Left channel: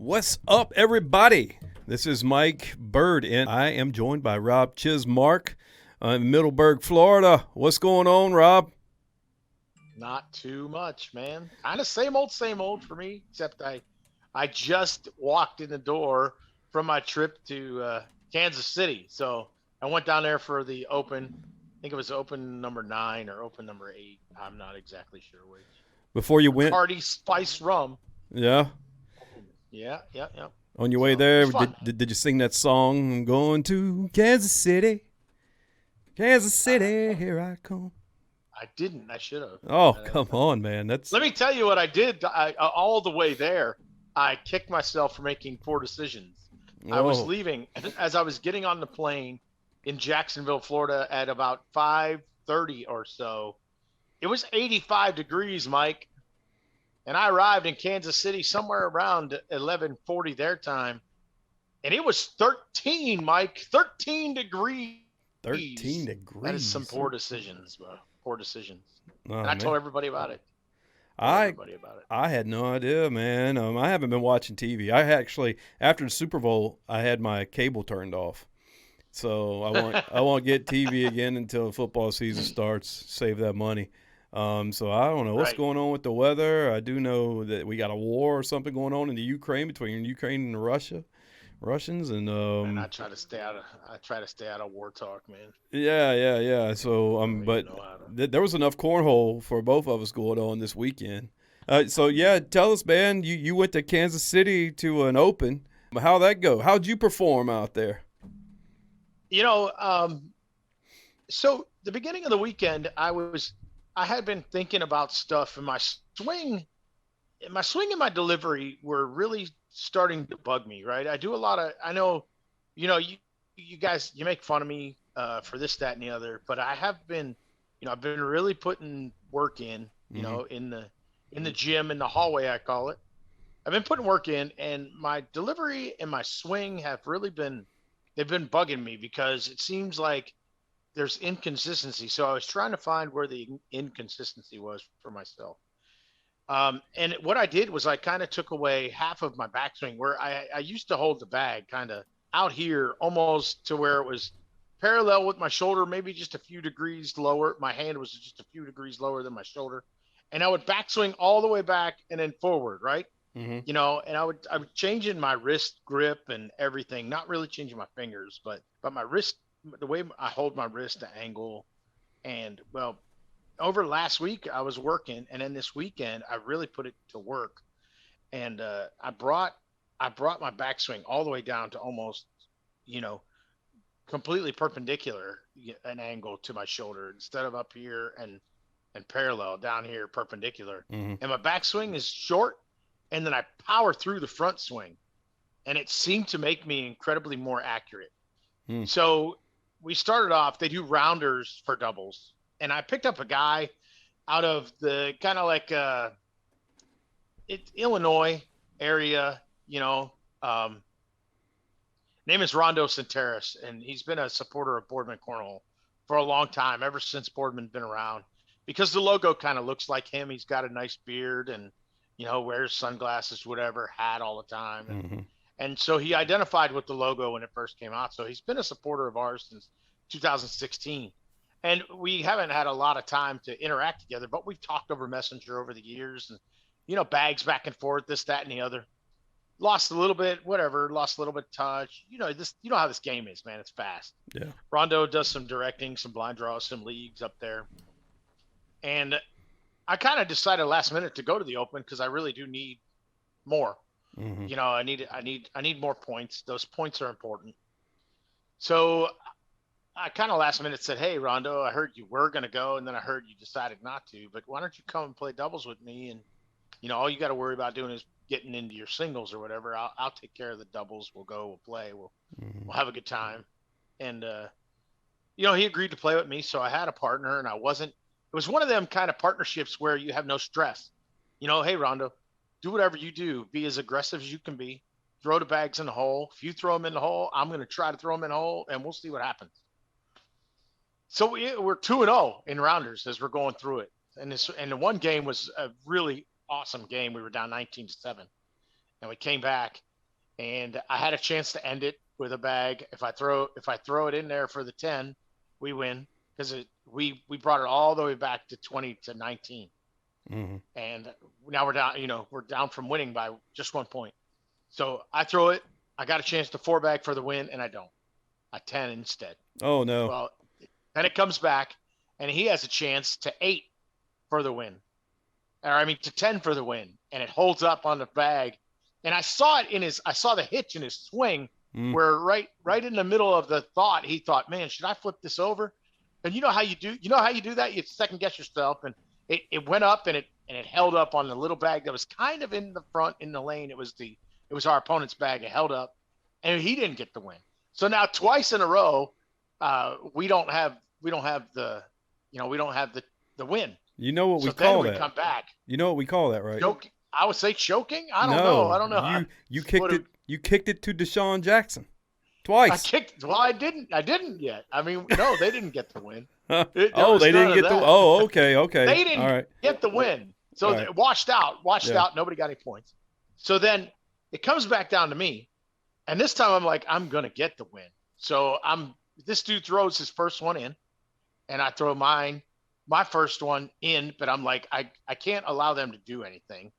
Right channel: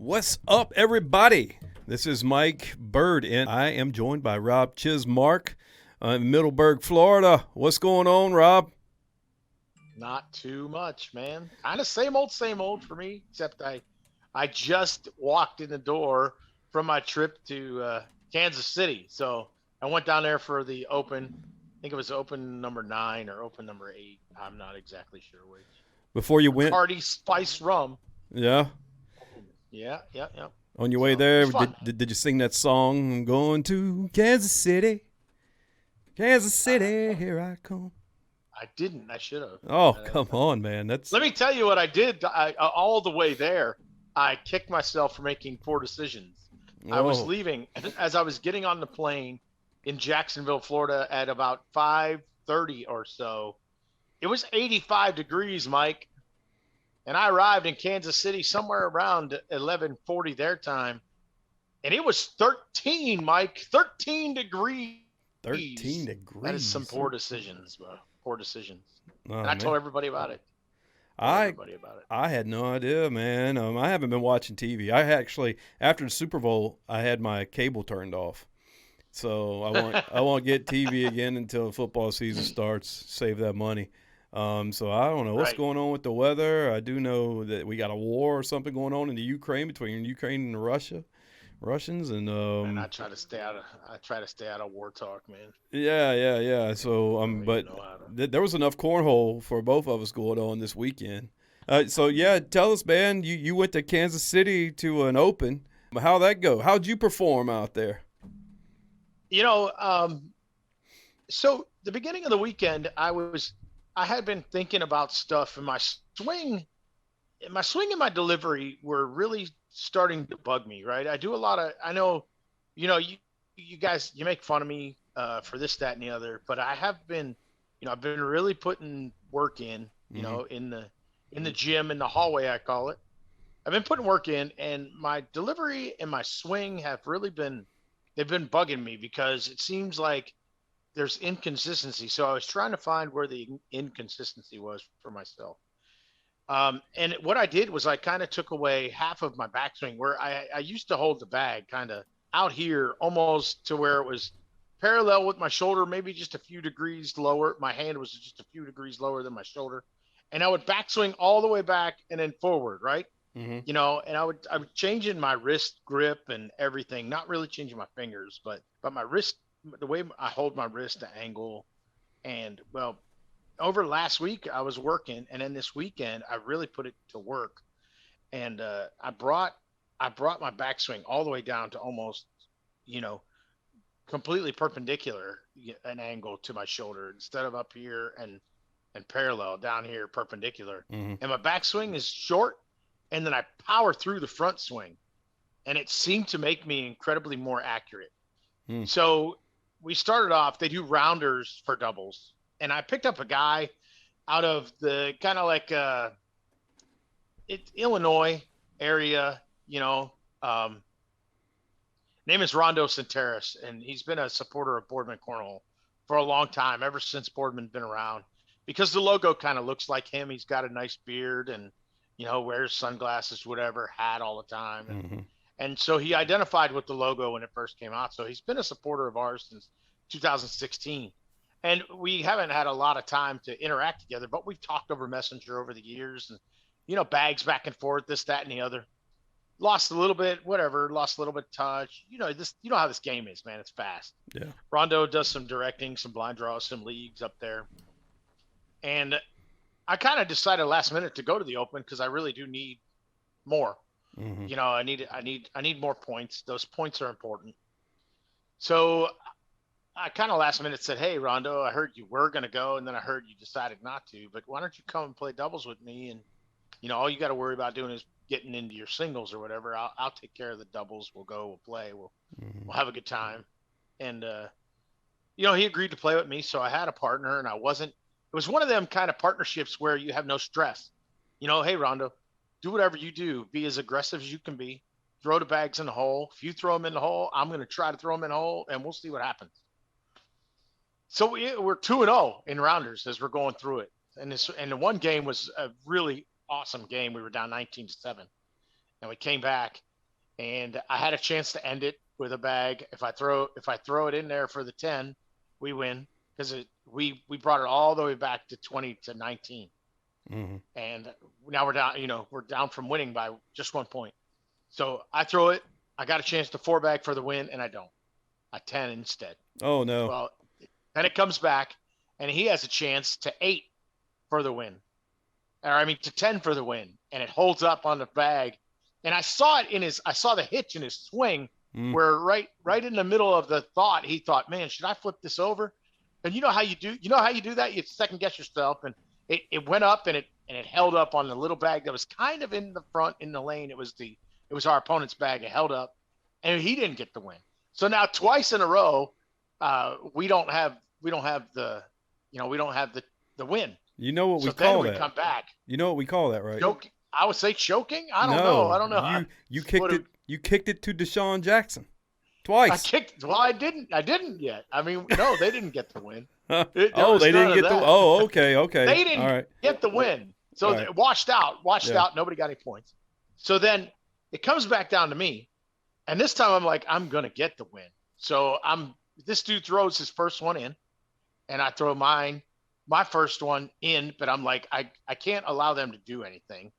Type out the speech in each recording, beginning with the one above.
What's up, everybody? This is Mike Bird, and I am joined by Rob Chismark in Middleburg, Florida. What's going on, Rob? Not too much, man. Kind of same old for me, except I just walked in the door from my trip to Kansas City. So I went down there for the Open. I think it was Open number 9 or Open number 8. I'm not exactly sure which. Before you went, Bacardi Spice Rum. yeah, Yeah. on your way So it was there, fun. did you sing that song? I'm going to Kansas City, Kansas City, here I come. I didn't. I should have. Oh, come on, man. That's Let me tell you what I did. All the way there, I kicked myself for making poor decisions. I was oh, leaving as I was getting on the plane in Jacksonville, Florida at about 5:30 or so. It was 85 degrees, Mike, and I arrived in Kansas City somewhere around 11:40 their time, and it was 13, Mike, 13 degrees. 13 That is some degrees. poor decisions, bro. Poor decisions. Oh, And I man. told everybody about it. I I had no idea, man. I haven't been watching TV. I actually, after the Super Bowl, I had my cable turned off. So I won't get TV again until football season starts. Save that money. So I don't know what's Right. going on with the weather. I do know that we got a war or something going on in the Ukraine between Ukraine and Russians, and And I try to stay out of war talk, man. yeah. So I don't even but know how to. there was enough cornhole for both of us going on this weekend. So yeah, tell us, man. You went to Kansas City to an Open. How'd that go? How'd you perform out there? You know, so the beginning of the weekend, I had been thinking about stuff, and my swing and my delivery were really starting to bug me. Right, I do a lot of. I know, you guys, you make fun of me for this, that, and the other, but I have been, I've been really putting work in, Mm-hmm. in the gym, in the hallway, I call it. I've been putting work in, and my delivery and my swing have really been, they've been bugging me because it seems like there's inconsistency. So I was trying to find where the inconsistency was for myself. And what I did was I kind of took away half of my backswing where I used to hold the bag kind of out here almost to where it was parallel with my shoulder, maybe just a few degrees lower. My hand was just a few degrees lower than my shoulder. And I would backswing all the way back and then forward, right? Mm-hmm. And I would changing my wrist grip and everything, not really changing my fingers, but my wrist, the way I hold my wrist, the angle, and well, over last week I was working, and then this weekend I really put it to work, and I brought my backswing all the way down to almost, you know, completely perpendicular, an angle to my shoulder instead of up here and parallel down here perpendicular, Mm-hmm. and my backswing is short, and then I power through the front swing, and it seemed to make me incredibly more accurate. Mm. So we started off, they do rounders for doubles, and I picked up a guy out of the kind of like Illinois area, name is Rondo Centeris, and he's been a supporter of Boardman Cornhole for a long time, ever since Boardman's been around, because the logo kind of looks like him. He's got a nice beard and, wears sunglasses, whatever, hat all the time. And, Mm-hmm. and so he identified with the logo when it first came out. So he's been a supporter of ours since 2016. And we haven't had a lot of time to interact together, but we've talked over Messenger over the years and, bags back and forth, this, that, and the other. Lost a little bit, whatever, lost a little bit of touch. You know how this game is, man. It's fast. Yeah. Rondo does some directing, some blind draws, some leagues up there. And I kind of decided last minute to go to the Open because I really do need more. Mm-hmm. I need more points. Those points are important. So I kind of last minute said, "Hey, Rondo, I heard you were gonna go, and then I heard you decided not to. But why don't you come and play doubles with me? And all you got to worry about doing is getting into your singles or whatever. I'll take care of the doubles. We'll go. We'll play. Mm-hmm. We'll have a good time." And he agreed to play with me, so I had a partner, and I wasn't. It was one of them kind of partnerships where you have no stress. Hey, Rondo, do whatever you do. Be as aggressive as you can be. Throw the bags in the hole. If you throw them in the hole, I'm going to try to throw them in the hole, and we'll see what happens. So we're 2-0 in rounders as we're going through it. And the one game was a really awesome game. We were down 19-7, and we came back, and I had a chance to end it with a bag. If I throw it in there for the 10, we win because we brought it all the way back to 20-19, and now we're down. We're down from winning by just 1 point. So I throw it. I got a chance to 4-bag for the win, and I don't. I 10 instead. Oh no. Well, then it comes back, and he has a chance to 8 for the win, to 10 for the win, and it holds up on the bag. And I saw the hitch in his swing where right in the middle of the thought, he thought, man, should I flip this over? And you know how you do that? You second guess yourself. And it went up and it held up on the little bag that was kind of in the front in the lane. It was our opponent's bag. It held up and he didn't get the win. So now twice in a row, we don't have the win. You know what we call that? Come back. You know what we call that, right? I would say choking. I don't know. You kicked it. You kicked it to Deshaun Jackson twice. I didn't yet. No, they didn't get the win. They didn't get the. Oh, okay. They didn't get the win. So it washed out. Nobody got any points. So then it comes back down to me, and this time I'm like, I'm gonna get the win. So this dude throws his first one in, and I throw my first one in, but I'm like, I can't allow them to do anything.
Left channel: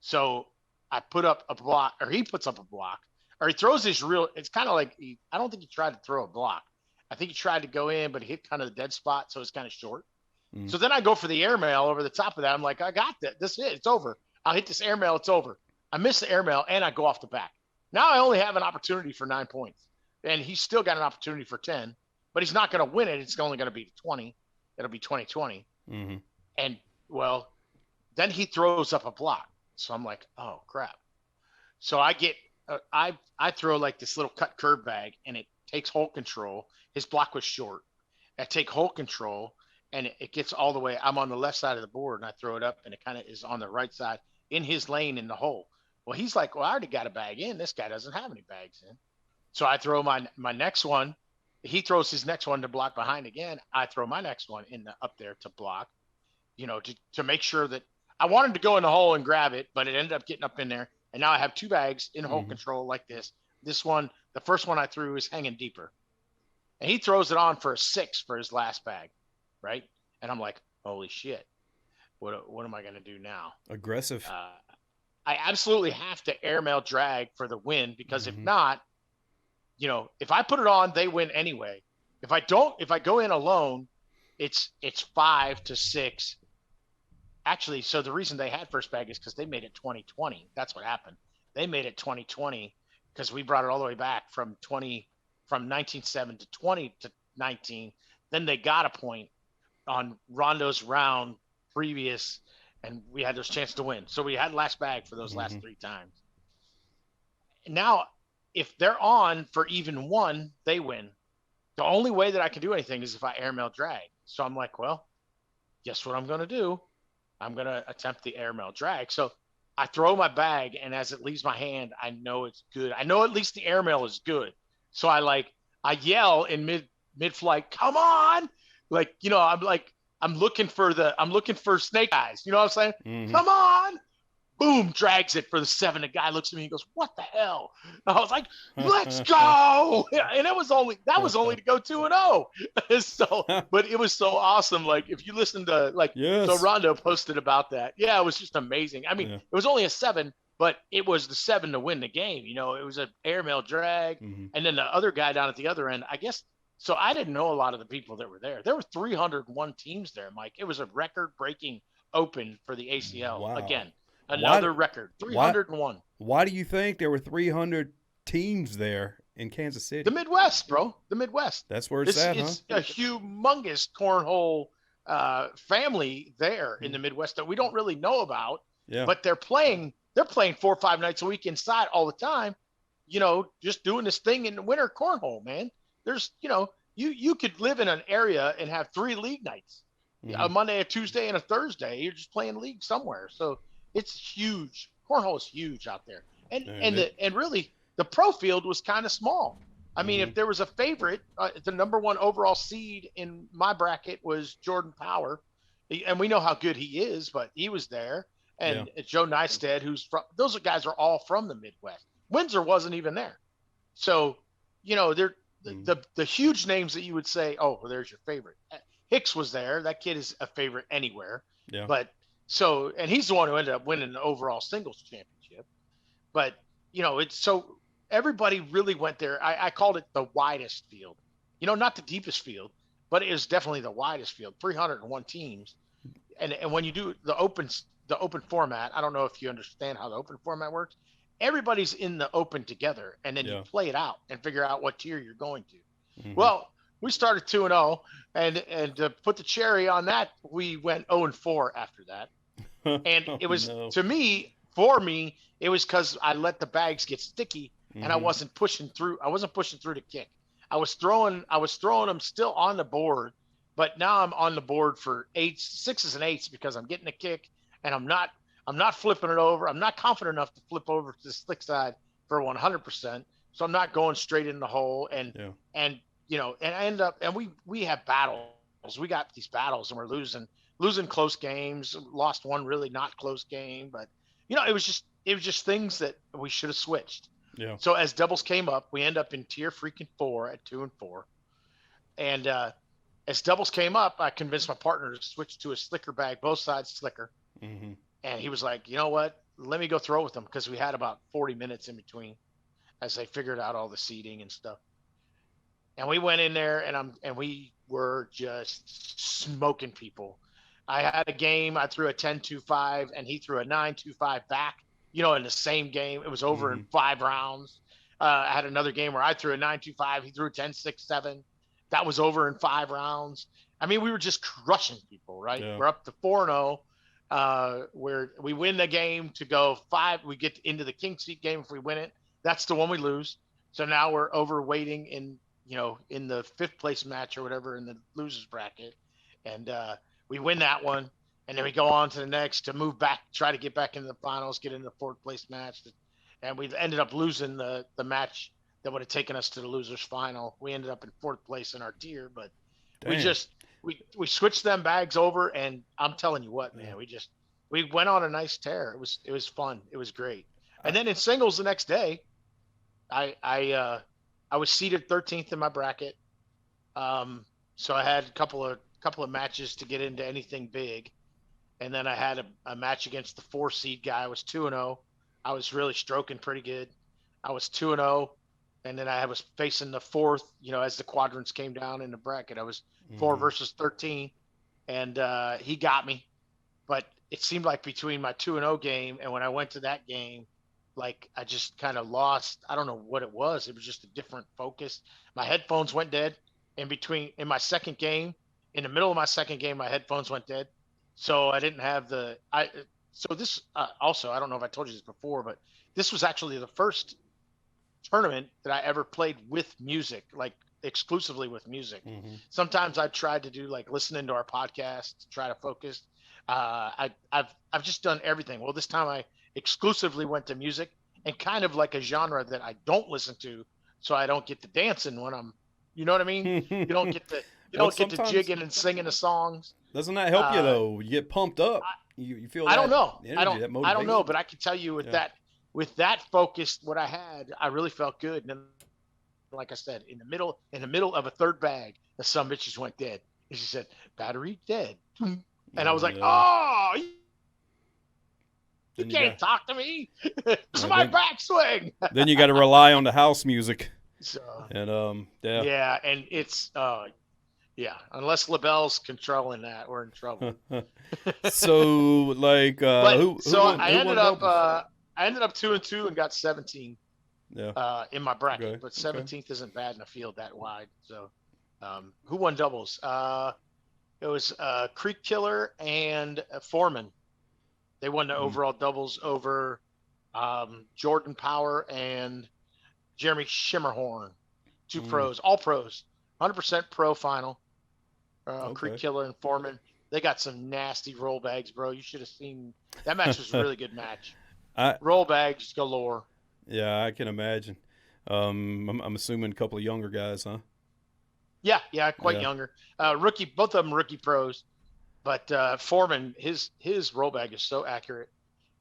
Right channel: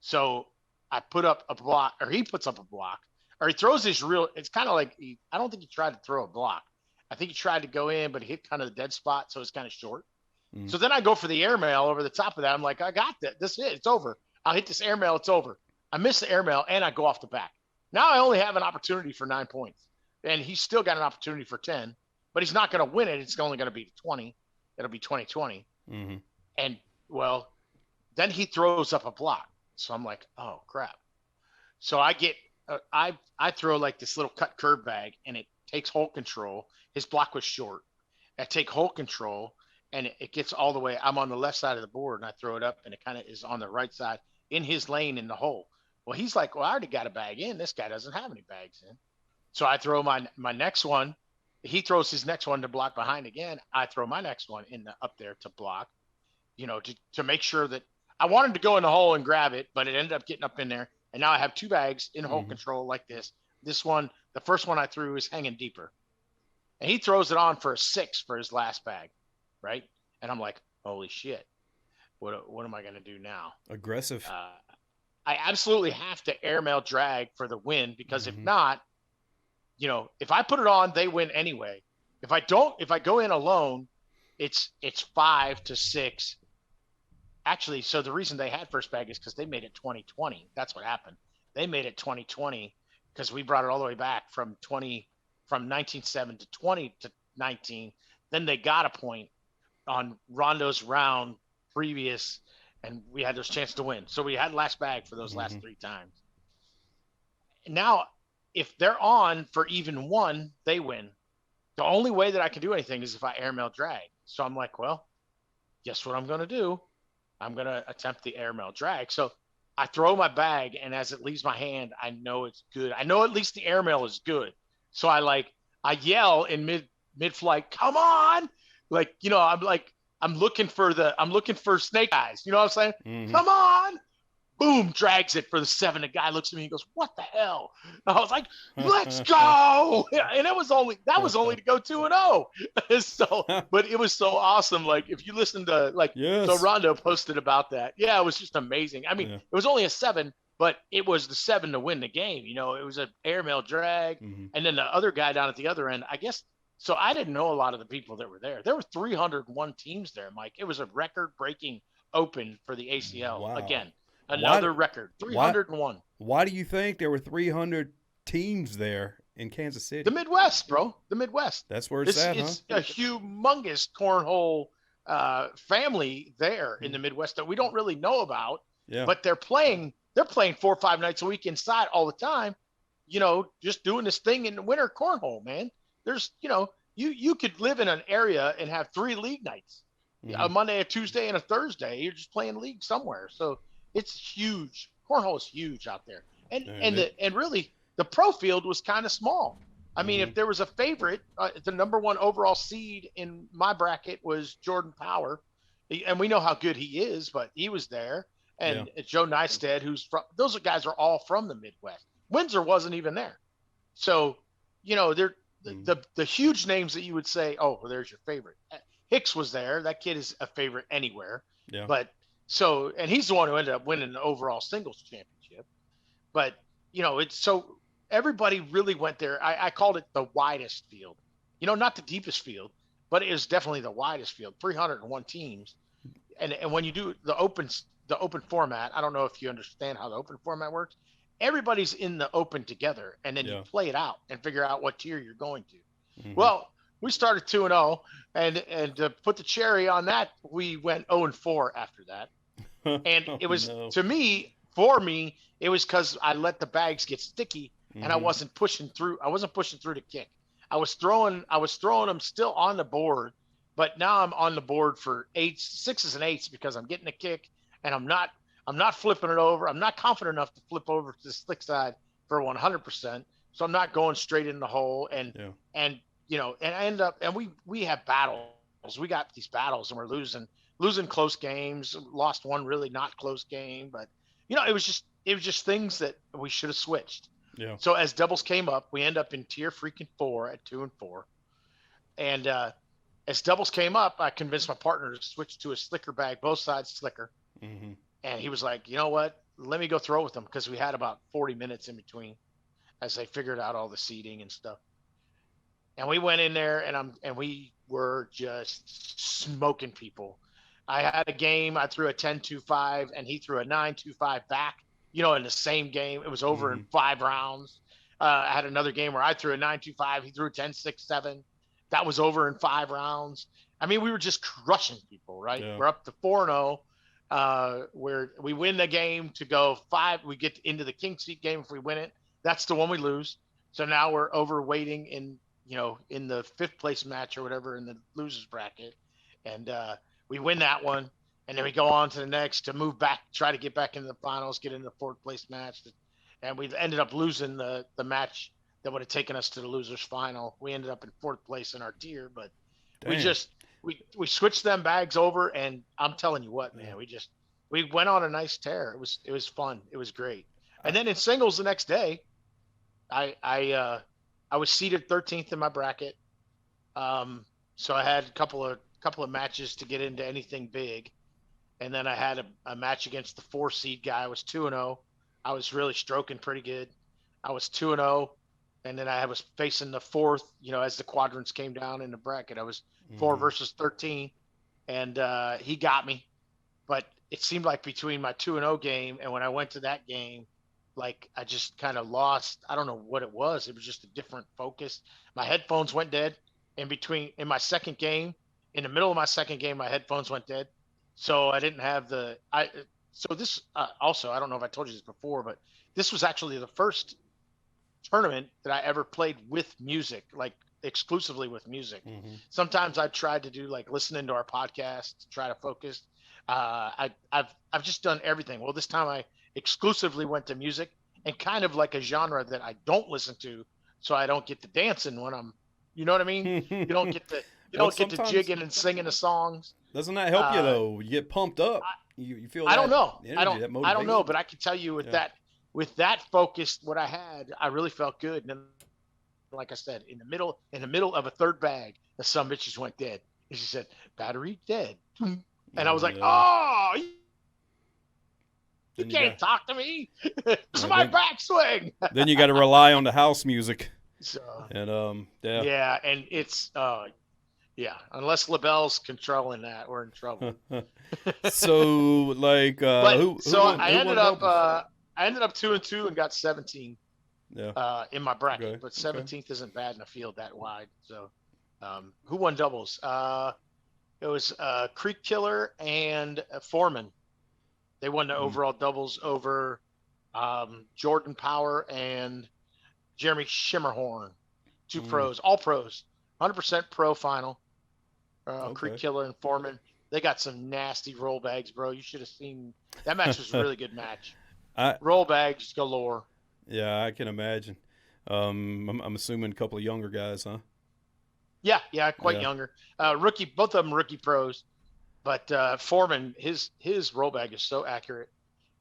So I put up a block, or he puts up a block, or he throws his it's kind of like, I don't think he tried to throw a block. I think he tried to go in, but he hit kind of the dead spot. So it's kind of short. So then I go for the airmail over the top of that. I'm like, I got that. This is it. It's over. I'll hit this airmail. It's over. I miss the airmail and I go off the back. Now I only have an opportunity for 9 points, and he's still got an opportunity for 10, but he's not going to win it. It's only going to be 20. It'll be 20-20. And well, then he throws up a block. So I'm like, oh crap. So I get, I throw like this little cut curve bag, and it takes hole control. His block was short. I take hole control, and it gets all the way. I'm on the left side of the board, and I throw it up, and it kind of is on the right side in his lane in the hole. Well, he's like, well, I already got a bag in. This guy doesn't have any bags in. So I throw my next one. He throws his next one to block behind again. I throw my next one up there to block, to make sure that I wanted to go in the hole and grab it, but it ended up getting up in there. And now I have 2 bags in hole control like this. This one, the first one I threw is hanging deeper. And he throws it on for a 6 for his last bag, right? And I'm like, holy shit. What am I going to do now? Aggressive. I absolutely have to airmail drag for the win, because if not, if I put it on, they win anyway. If I go in alone, it's 5-6. Actually, so the reason they had first bag is because they made it 20-20. That's what happened. They made it 20-20 because we brought it all the way back from 19-7 to 20-19. Then they got a point on Rondo's round previous, and we had those chances to win. So we had last bag for those last 3 times. Now, if they're on for even 1, they win. The only way that I can do anything is if I airmail drag. So I'm like, well, guess what I'm going to do? I'm going to attempt the airmail drag. So I throw my bag, and as it leaves my hand, I know it's good. I know at least the airmail is good. So I yell in mid-flight, come on. I'm looking for snake eyes. You know what I'm saying? Come on. Boom, drags it for the 7. The guy looks at me and goes, what the hell? And I was like, let's go. And that was only to go 2-0. So, but it was so awesome. Like, if you listen to, so Rondo posted about that. Yeah, it was just amazing. It was only a 7, but it was the 7 to win the game. It was an airmail drag. And then the other guy down at the other end, I guess. So I didn't know a lot of the people that were there. There were 301 teams there, Mike. It was a record-breaking open for the ACL. Wow. Again. Another record, 301. Why do you think there were 300 teams there in Kansas City? The Midwest, bro. The Midwest. That's where it's at, It's a humongous cornhole family there in the Midwest that we don't really know about. Yeah. But they're playing 4 or 5 nights a week inside all the time, just doing this thing in the winter cornhole, man. There's, you could live in an area and have 3 league nights, a Monday, a Tuesday, and a Thursday. You're just playing league somewhere. So it's huge. Cornhole is huge out there. And really the pro field was kind of small. If there was a favorite, the number 1 overall seed in my bracket was Jordan Power. And we know how good he is, but he was there. And Joe Nystad, those guys are all from the Midwest. Windsor wasn't even there. So, the huge names that you would say, oh, well, there's your favorite. Hicks was there. That kid is a favorite anywhere. Yeah. But and he's the one who ended up winning the overall singles championship. But, it's so everybody really went there. I called it the widest field, not the deepest field, but it is definitely the widest field, 301 teams. And when you do the open format, I don't know if you understand how the open format works. Everybody's in the open together, and then you play it out and figure out what tier you're going to. Mm-hmm. Well, we started 2-0, and to put the cherry on that, we went 0-4 after that. And it was for me, it was because I let the bags get sticky, and I wasn't pushing through. I wasn't pushing through to kick. I was throwing them still on the board, but now I'm on the board for 6s and 8s because I'm getting a kick, and I'm not flipping it over. I'm not confident enough to flip over to the slick side for 100%. So I'm not going straight in the hole. And I end up, and we have battles. We got these battles, and we're losing close games. Lost one really not close game, but it was just things that we should have switched. Yeah. So as doubles came up, we end up in tier freaking 4 at 2-4. And as doubles came up, I convinced my partner to switch to a slicker bag, both sides slicker. Mm-hmm. And he was like, you know what? Let me go throw with them, because we had about 40 minutes in between as they figured out all the seating and stuff. And we went in there, and we were just smoking people. I had a game, I threw a 10-2-5, and he threw a 9-2-5 back, in the same game. It was over in 5 rounds. I had another game where I threw a 9-2-5, he threw a 10-6-7. That was over in 5 rounds. I mean, we were just crushing people, right? Yeah. We're up to 4-0. Where we win the game to go 5, we get into the king seat game. If we win it, that's the one we lose. So now we're overweighting in the 5th place match or whatever in the losers bracket. And, we win that one. And then we go on to the next to move back, try to get back into the finals, get into the 4th place match. And we ended up losing the match that would have taken us to the losers final. We ended up in 4th place in our tier, but Dang. We switched them bags over, and I'm telling you what, man, we went on a nice tear. It was fun. It was great. And then in singles the next day, I was seeded 13th in my bracket. So I had a couple of matches to get into anything big. And then I had a match against the 4 seed guy. I was 2-0. I was really stroking pretty good. I was 2-0. And then I was facing the 4th, as the quadrants came down in the bracket. I was 4 versus 13, and he got me. But it seemed like between my 2-0 game and when I went to that game, like I just kind of lost. I don't know what it was. It was just a different focus. My headphones went dead in my second game. In the middle of my second game, my headphones went dead. So I didn't have so this also, I don't know if I told you this before, but this was actually the first tournament that I ever played with music, like exclusively with music. Sometimes I tried to do like listening to our podcast to try to focus. I've just done everything. Well, this time I exclusively went to music, and kind of like a genre that I don't listen to, so I don't get to dancing when I'm, you know what I mean? You don't get to jigging and singing the songs. Doesn't that help you though? You get pumped up. You feel. I don't know. I don't know, but I can tell you with that focus, what I had, I really felt good. And then, like I said, in the middle of a 3rd bag, the some bitches went dead. And she said, "Battery dead." And I was like, "Oh, you can't talk to me. It's my backswing." Then you got to rely on the house music. So, and yeah, and it's unless LaBelle's controlling that, we're in trouble. So like, I ended up 2-2 and got 17. Yeah. In my bracket, but 17th isn't bad in a field that wide. So, who won doubles? It was Creek Killer and Foreman. They won the overall doubles over Jordan Power and Jeremy Shimmerhorn, 2 pros, all pros, 100% pro final. Creek Killer and Foreman. They got some nasty roll bags, bro. You should have seen that match. Was a really good match. Roll bags galore. Yeah, I can imagine. I'm assuming a couple of younger guys, huh? Yeah, quite younger. Rookie, both of them rookie pros. But Foreman, his roll bag is so accurate.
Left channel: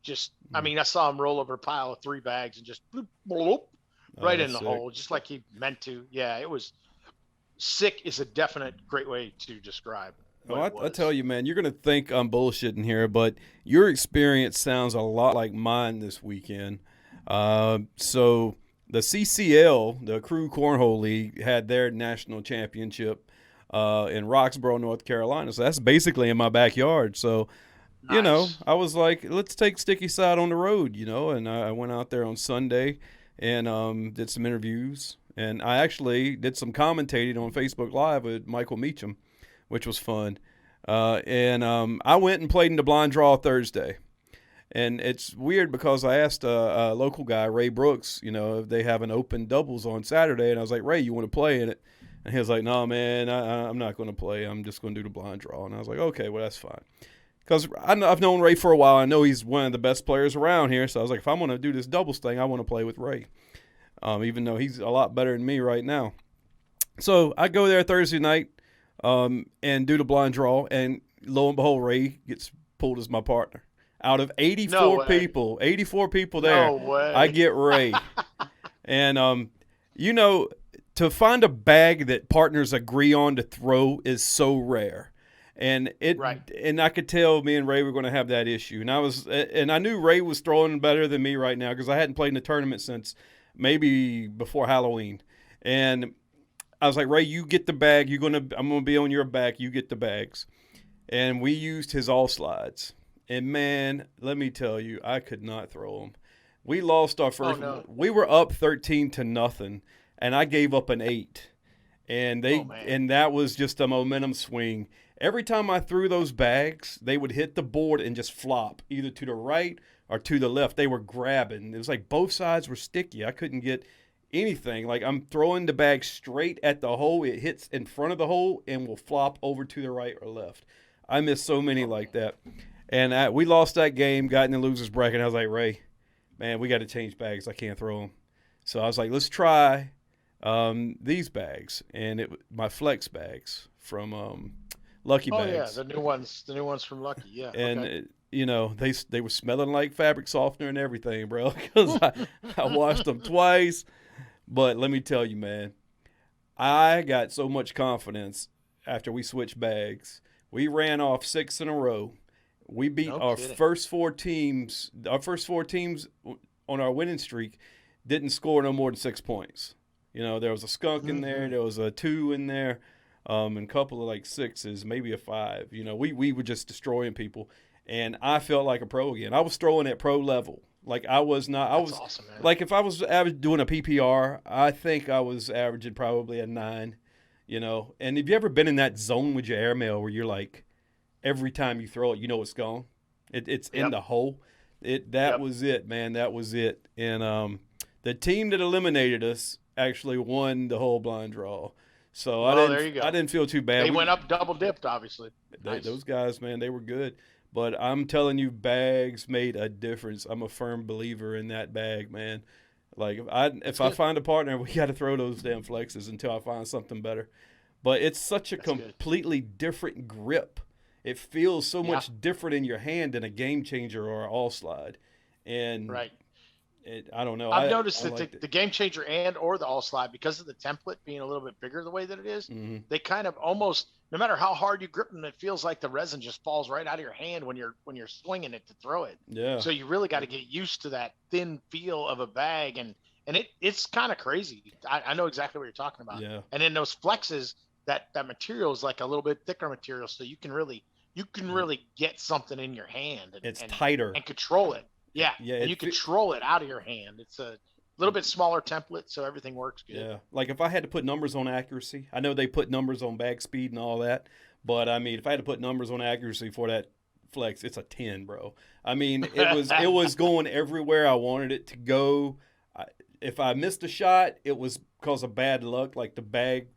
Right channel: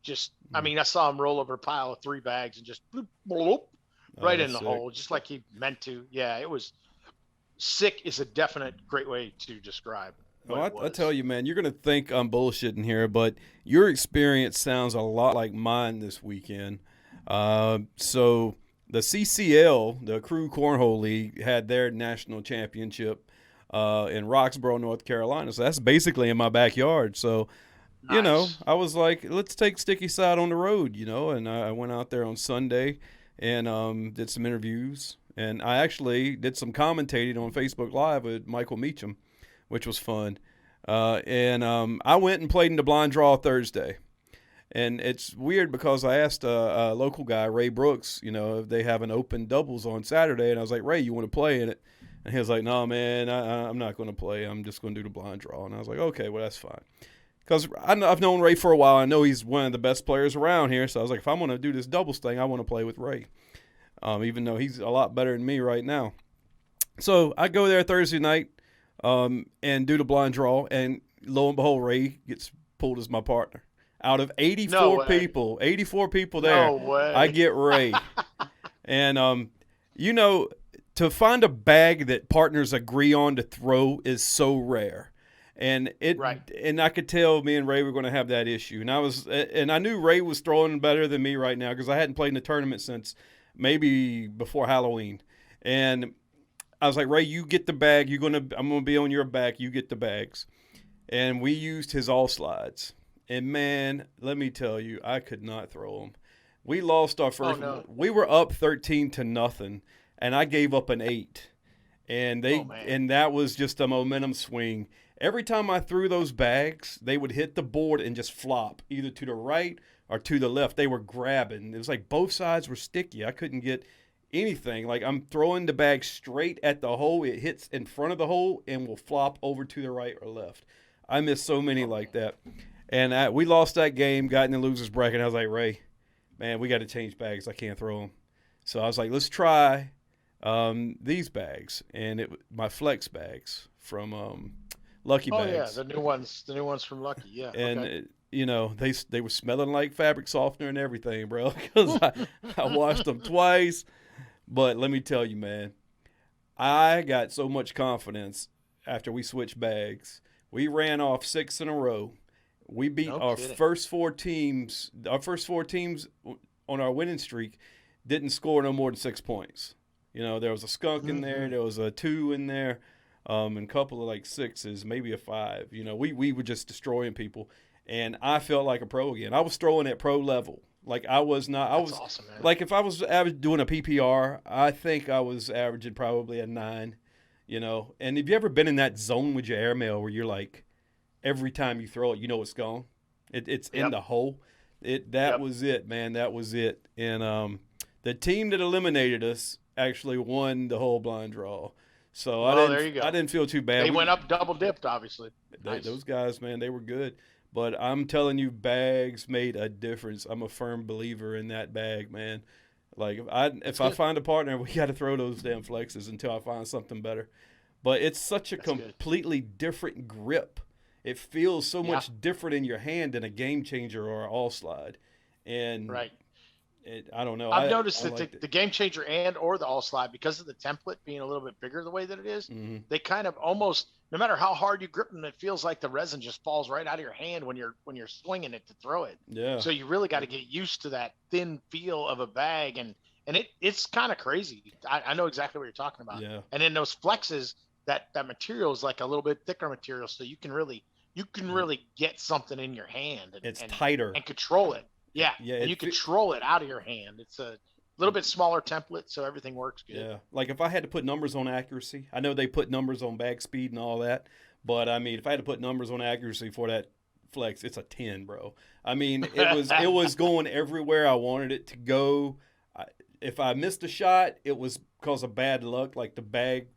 just, I mean, I saw him roll over a pile of 3 bags and just bloop, bloop, right in the sick. hole, just like he meant to. Yeah, it was sick is a definite great way to describe what it was. I tell you, man, you're going to think I'm bullshitting here, but your experience sounds a lot like mine this weekend. So the CCL, the Crew Cornhole League, had their national championship in Roxboro, North Carolina. So that's basically in my backyard. So, you know, I was like, let's take Sticky Side on the road, you know, and I went out there on Sunday and did some interviews. And I actually did some commentating on Facebook Live with Michael Meacham, which was fun. And I went and played in the blind draw Thursday. And it's weird because I asked a local guy, Ray Brooks, you know, if they have an open doubles on Saturday. And I was like, Ray, you want to play in it? And he was like, no, man, I'm not going to play. I'm just going to do the blind draw. And I was like, okay, well, that's fine. Because I've known Ray for a while. I know he's one of the best players around here. So I was like, if I'm going to do this doubles thing, I want to play with Ray, even though he's a lot better than me right now. So I go there Thursday night and do the blind draw. And lo and behold, Ray gets pulled as my partner. Out of 84 people there, I get Ray. And, you know, to find a bag that partners agree on to throw is so rare. And and I could tell me and Ray were going to have that issue. And I knew Ray was throwing better than me right now because I hadn't played in a tournament since maybe before Halloween. And I was like, Ray, you get the bag. I'm going to be on your back. You get the bags. And we used his all slides. And, man, let me tell you, I could not throw them. We lost our first one. We were up 13-0, and I gave up an 8. And and that was just a momentum swing. Every time I threw those bags, they would hit the board and just flop, either to the right or to the left. They were grabbing. It was like both sides were sticky. I couldn't get anything. Like I'm throwing the bag straight at the hole. It hits in front of the hole and will flop over to the right or left. I missed so many like that. And we lost that game, got in the loser's bracket. I was like, Ray, man, we got to change bags. I can't throw them. So I was like, let's try these bags. And my flex bags from Lucky Bags. Oh, yeah, the new ones from Lucky, yeah. And, you know, they were smelling like fabric softener and everything, bro, because I washed them twice. But let me tell you, man, I got so much confidence after we switched bags. We ran off 6 in a row. We beat our first four teams. Our first 4 teams on our winning streak didn't score no more than 6 points. You know, there was a skunk in there. There was a 2 in there, and a couple of like 6s, maybe a 5. You know, we were just destroying people. And I felt like a pro again. I was throwing at pro level. Like I was not. I was awesome, man. Like if I was doing a PPR, I think I was averaging probably a 9. You know, and have you ever been in that zone with your airmail where you're like, every time you throw it, you know it's gone. It's in the hole. That was it, man. That was it. And the team that eliminated us actually won the whole blind draw. So there you go. I didn't feel too bad. They went up double dipped, obviously. Those guys, man, they were good. But I'm telling you, bags made a difference. I'm a firm believer in that bag, man. Like if I find a partner, we got to throw those damn flexes until I find something better. But it's such a completely different grip. It feels so much different in your hand than a game changer or an all slide. And I don't know. I've noticed that the game changer or the all slide, because of the template being a little bit bigger the way that it is, they kind of almost, no matter how hard you grip them, it feels like the resin just falls right out of your hand when you're swinging it to throw it. Yeah. So you really got to get used to that thin feel of a bag, and it's kind of crazy. I know exactly what you're talking about. Yeah. And in those flexes, that material is like a little bit thicker material, so you can really get something in your hand. It's tighter and control it. Yeah, and you control it out of your hand. It's a little bit smaller template, so everything works good. Yeah, like if I had to put numbers on accuracy, I know they put numbers on bag speed and all that, but I mean, if I had to put numbers on accuracy for that flex, it's a 10, bro. I mean, it was going everywhere I wanted it to go. If I missed a shot, it was because of bad luck, like the bag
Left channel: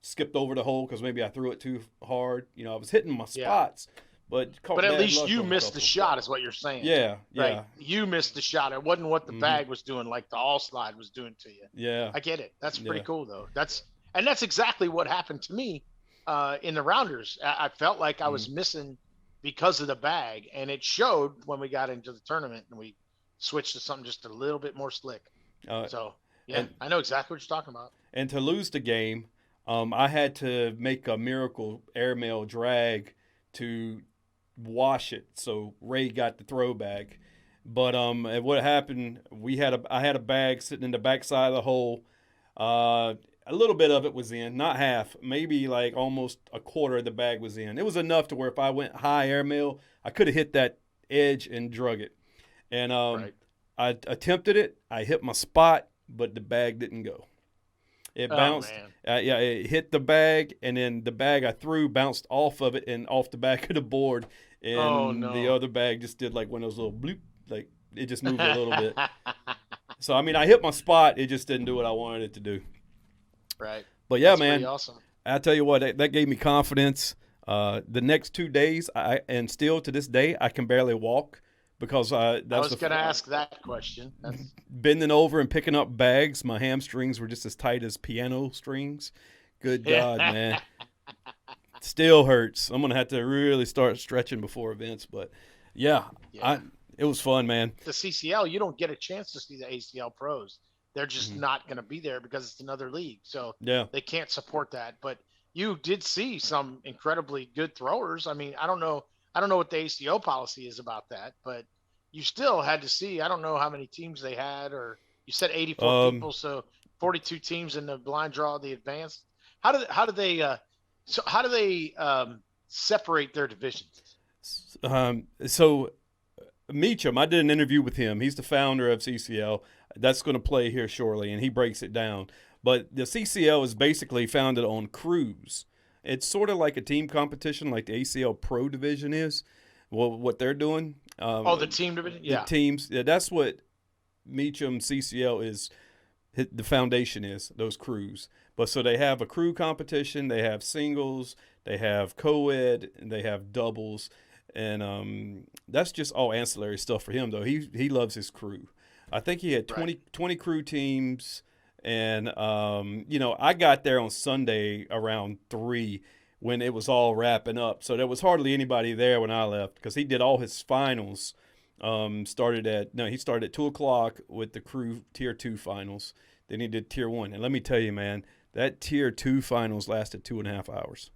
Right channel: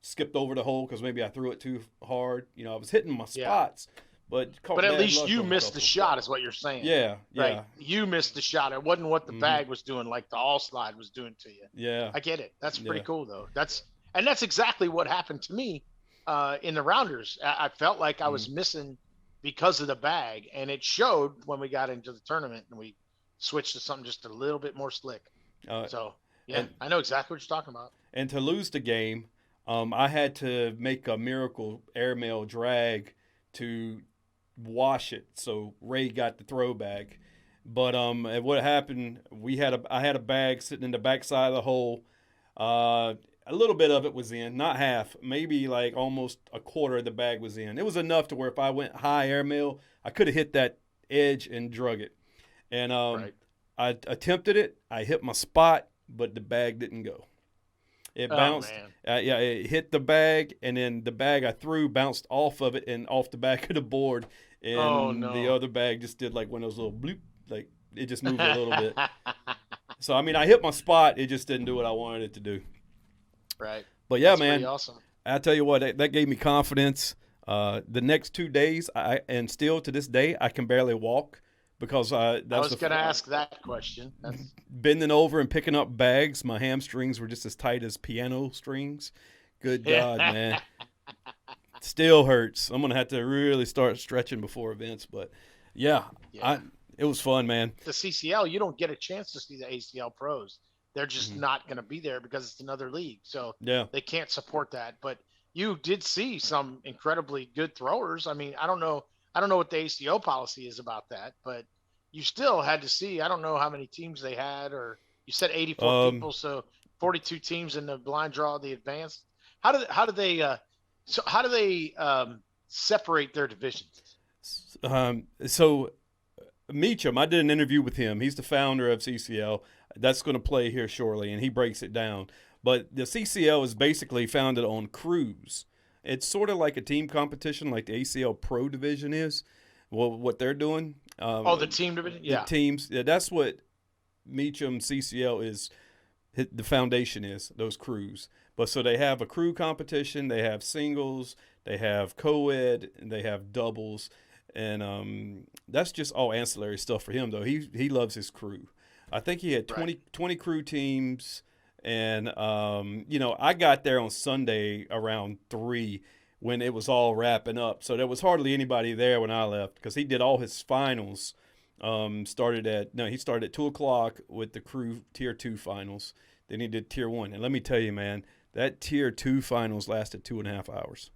skipped over the hole because maybe I threw it too hard. You know, I was hitting my spots. But at least you missed the shot is what you're saying. Yeah, right? Yeah. You missed the shot. It wasn't what the bag was doing, like the all slide was doing to you. Yeah. I get it. That's pretty cool, though. That's exactly what happened to me in the rounders. I felt like I was missing because of the bag, and it showed when we got into the tournament and we switched to something just a little bit more slick. So yeah, I know exactly what you're talking about. And to lose the game, I had to make a miracle airmail drag to wash it. So Ray got the throwback. But what happened? I had a bag sitting in the backside of the hole. A little bit of it was in, not half, maybe like almost a quarter of the bag was in. It was enough to where if I went high airmail, I could have hit that edge and drug it. And right. I attempted it. I hit my spot, but the bag didn't go. It bounced. It hit the bag, and then the bag I threw bounced off of it and off the back of the board. And the other bag just did like one of those little bloop, like it just moved a little bit. So, I mean, I hit my spot. It just didn't do what I wanted it to do. Right. But, yeah, That's man, pretty awesome. I tell you what, that gave me confidence. The next 2 days, and still to this day, I can barely walk because I was going to ask that question. Bending over and picking up bags. My hamstrings were just as tight as piano strings. Good God, man. Still hurts. I'm going to have to really start stretching before events. But, yeah. It was fun, man. The CCL, you don't get a chance to see the ACL pros. They're just not going to be there because it's another league. So they can't support that. But you did see some incredibly good throwers. I mean, I don't know what the ACO policy is about that, but you still had to see. I don't know how many teams they had, or you said 84 people, so 42 teams in the blind draw of the advanced. How do they separate their divisions? So Meacham, I did an interview with him. He's the founder of CCL. That's going to play here shortly, and he breaks it down. But the CCL is basically founded on crews. It's sort of like a team competition, like the ACL Pro Division is. Well, what they're doing. The team division? Yeah. The teams. Yeah, that's what Meacham CCL is. The foundation is those crews. But so they have a crew competition. They have singles. They have co-ed. And they have doubles. And that's just all ancillary stuff for him, though. He loves his crew. I think he had 20 crew teams. And, I got there on Sunday around 3 when it was all wrapping up. So there was hardly anybody there when I left because he did all his finals. He started at 2 o'clock with the crew Tier 2 finals. Then he did Tier 1. And let me tell you, man, that Tier 2 finals lasted 2.5 hours.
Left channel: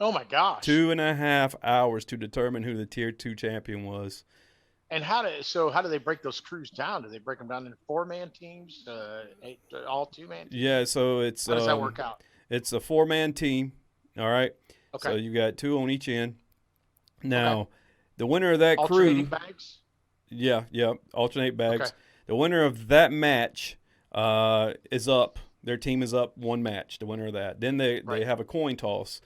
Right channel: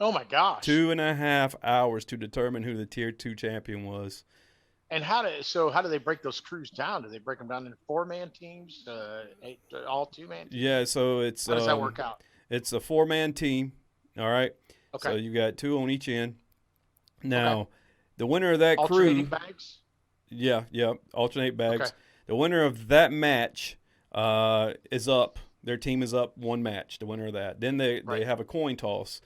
Oh, my gosh. 2.5 hours to determine who the Tier 2 champion was. And how do they break those crews down? Do they break them down into 4-man teams, all 2-man teams? Yeah, so it's how does that work out? It's a 4-man team. All right. Okay. So you got 2 on each end. Now, the winner of that alternating bags? Yeah, alternate bags. Okay. The winner of that match is up. Their team is up 1 match. The winner of that. Then they have a coin toss.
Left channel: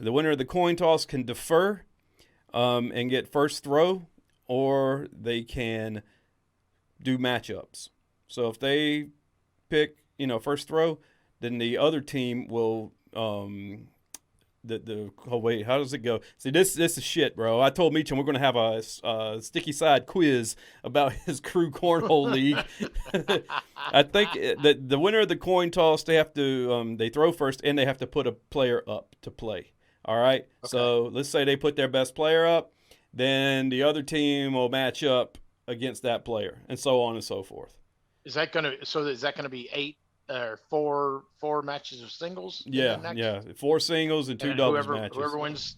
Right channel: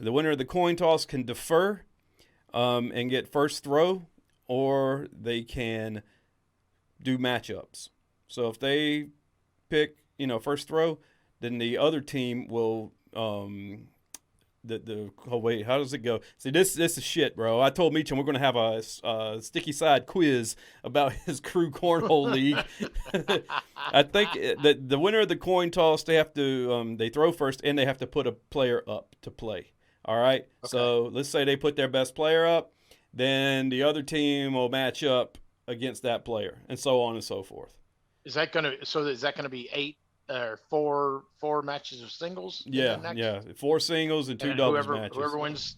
The winner of the coin toss can defer and get first throw, or they can do matchups. So if they pick, first throw, then the other team will wait, how does it go? See, this is shit, bro. I told Meacham we're going to have a sticky side quiz about his crew cornhole league. I think that the winner of the coin toss, they have to they throw first and they have to put a player up to play. All right. Okay. So let's say they put their best player up, then the other team will match up against that player, and so on and so forth. Is that gonna be 8 or 4 matches of singles? Yeah. 4 singles and 2 doubles matches.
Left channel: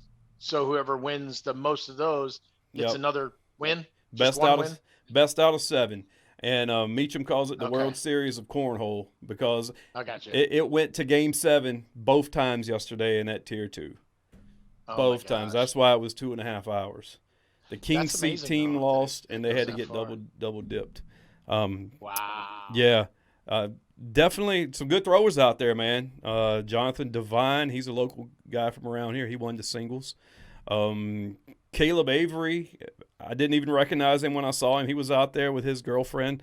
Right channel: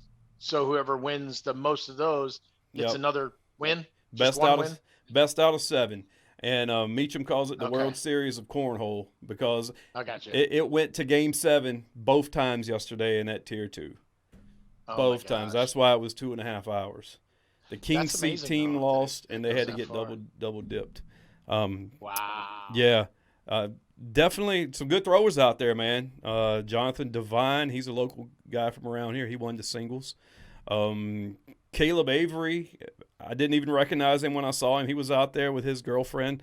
Whoever wins the most of those gets another win. Best out of 7. And Meacham calls it the World Series of Cornhole because I got you. It went to Game 7 both times yesterday in that Tier 2. Both times. That's why it was 2.5 hours. The King's Seat team lost, and they had to get double dipped. Wow. Yeah. Definitely some good throwers out there, man. Jonathan Devine, he's a local guy from around here. He won the singles. Caleb Avery, I didn't even recognize him when I saw him. He was out there with his girlfriend.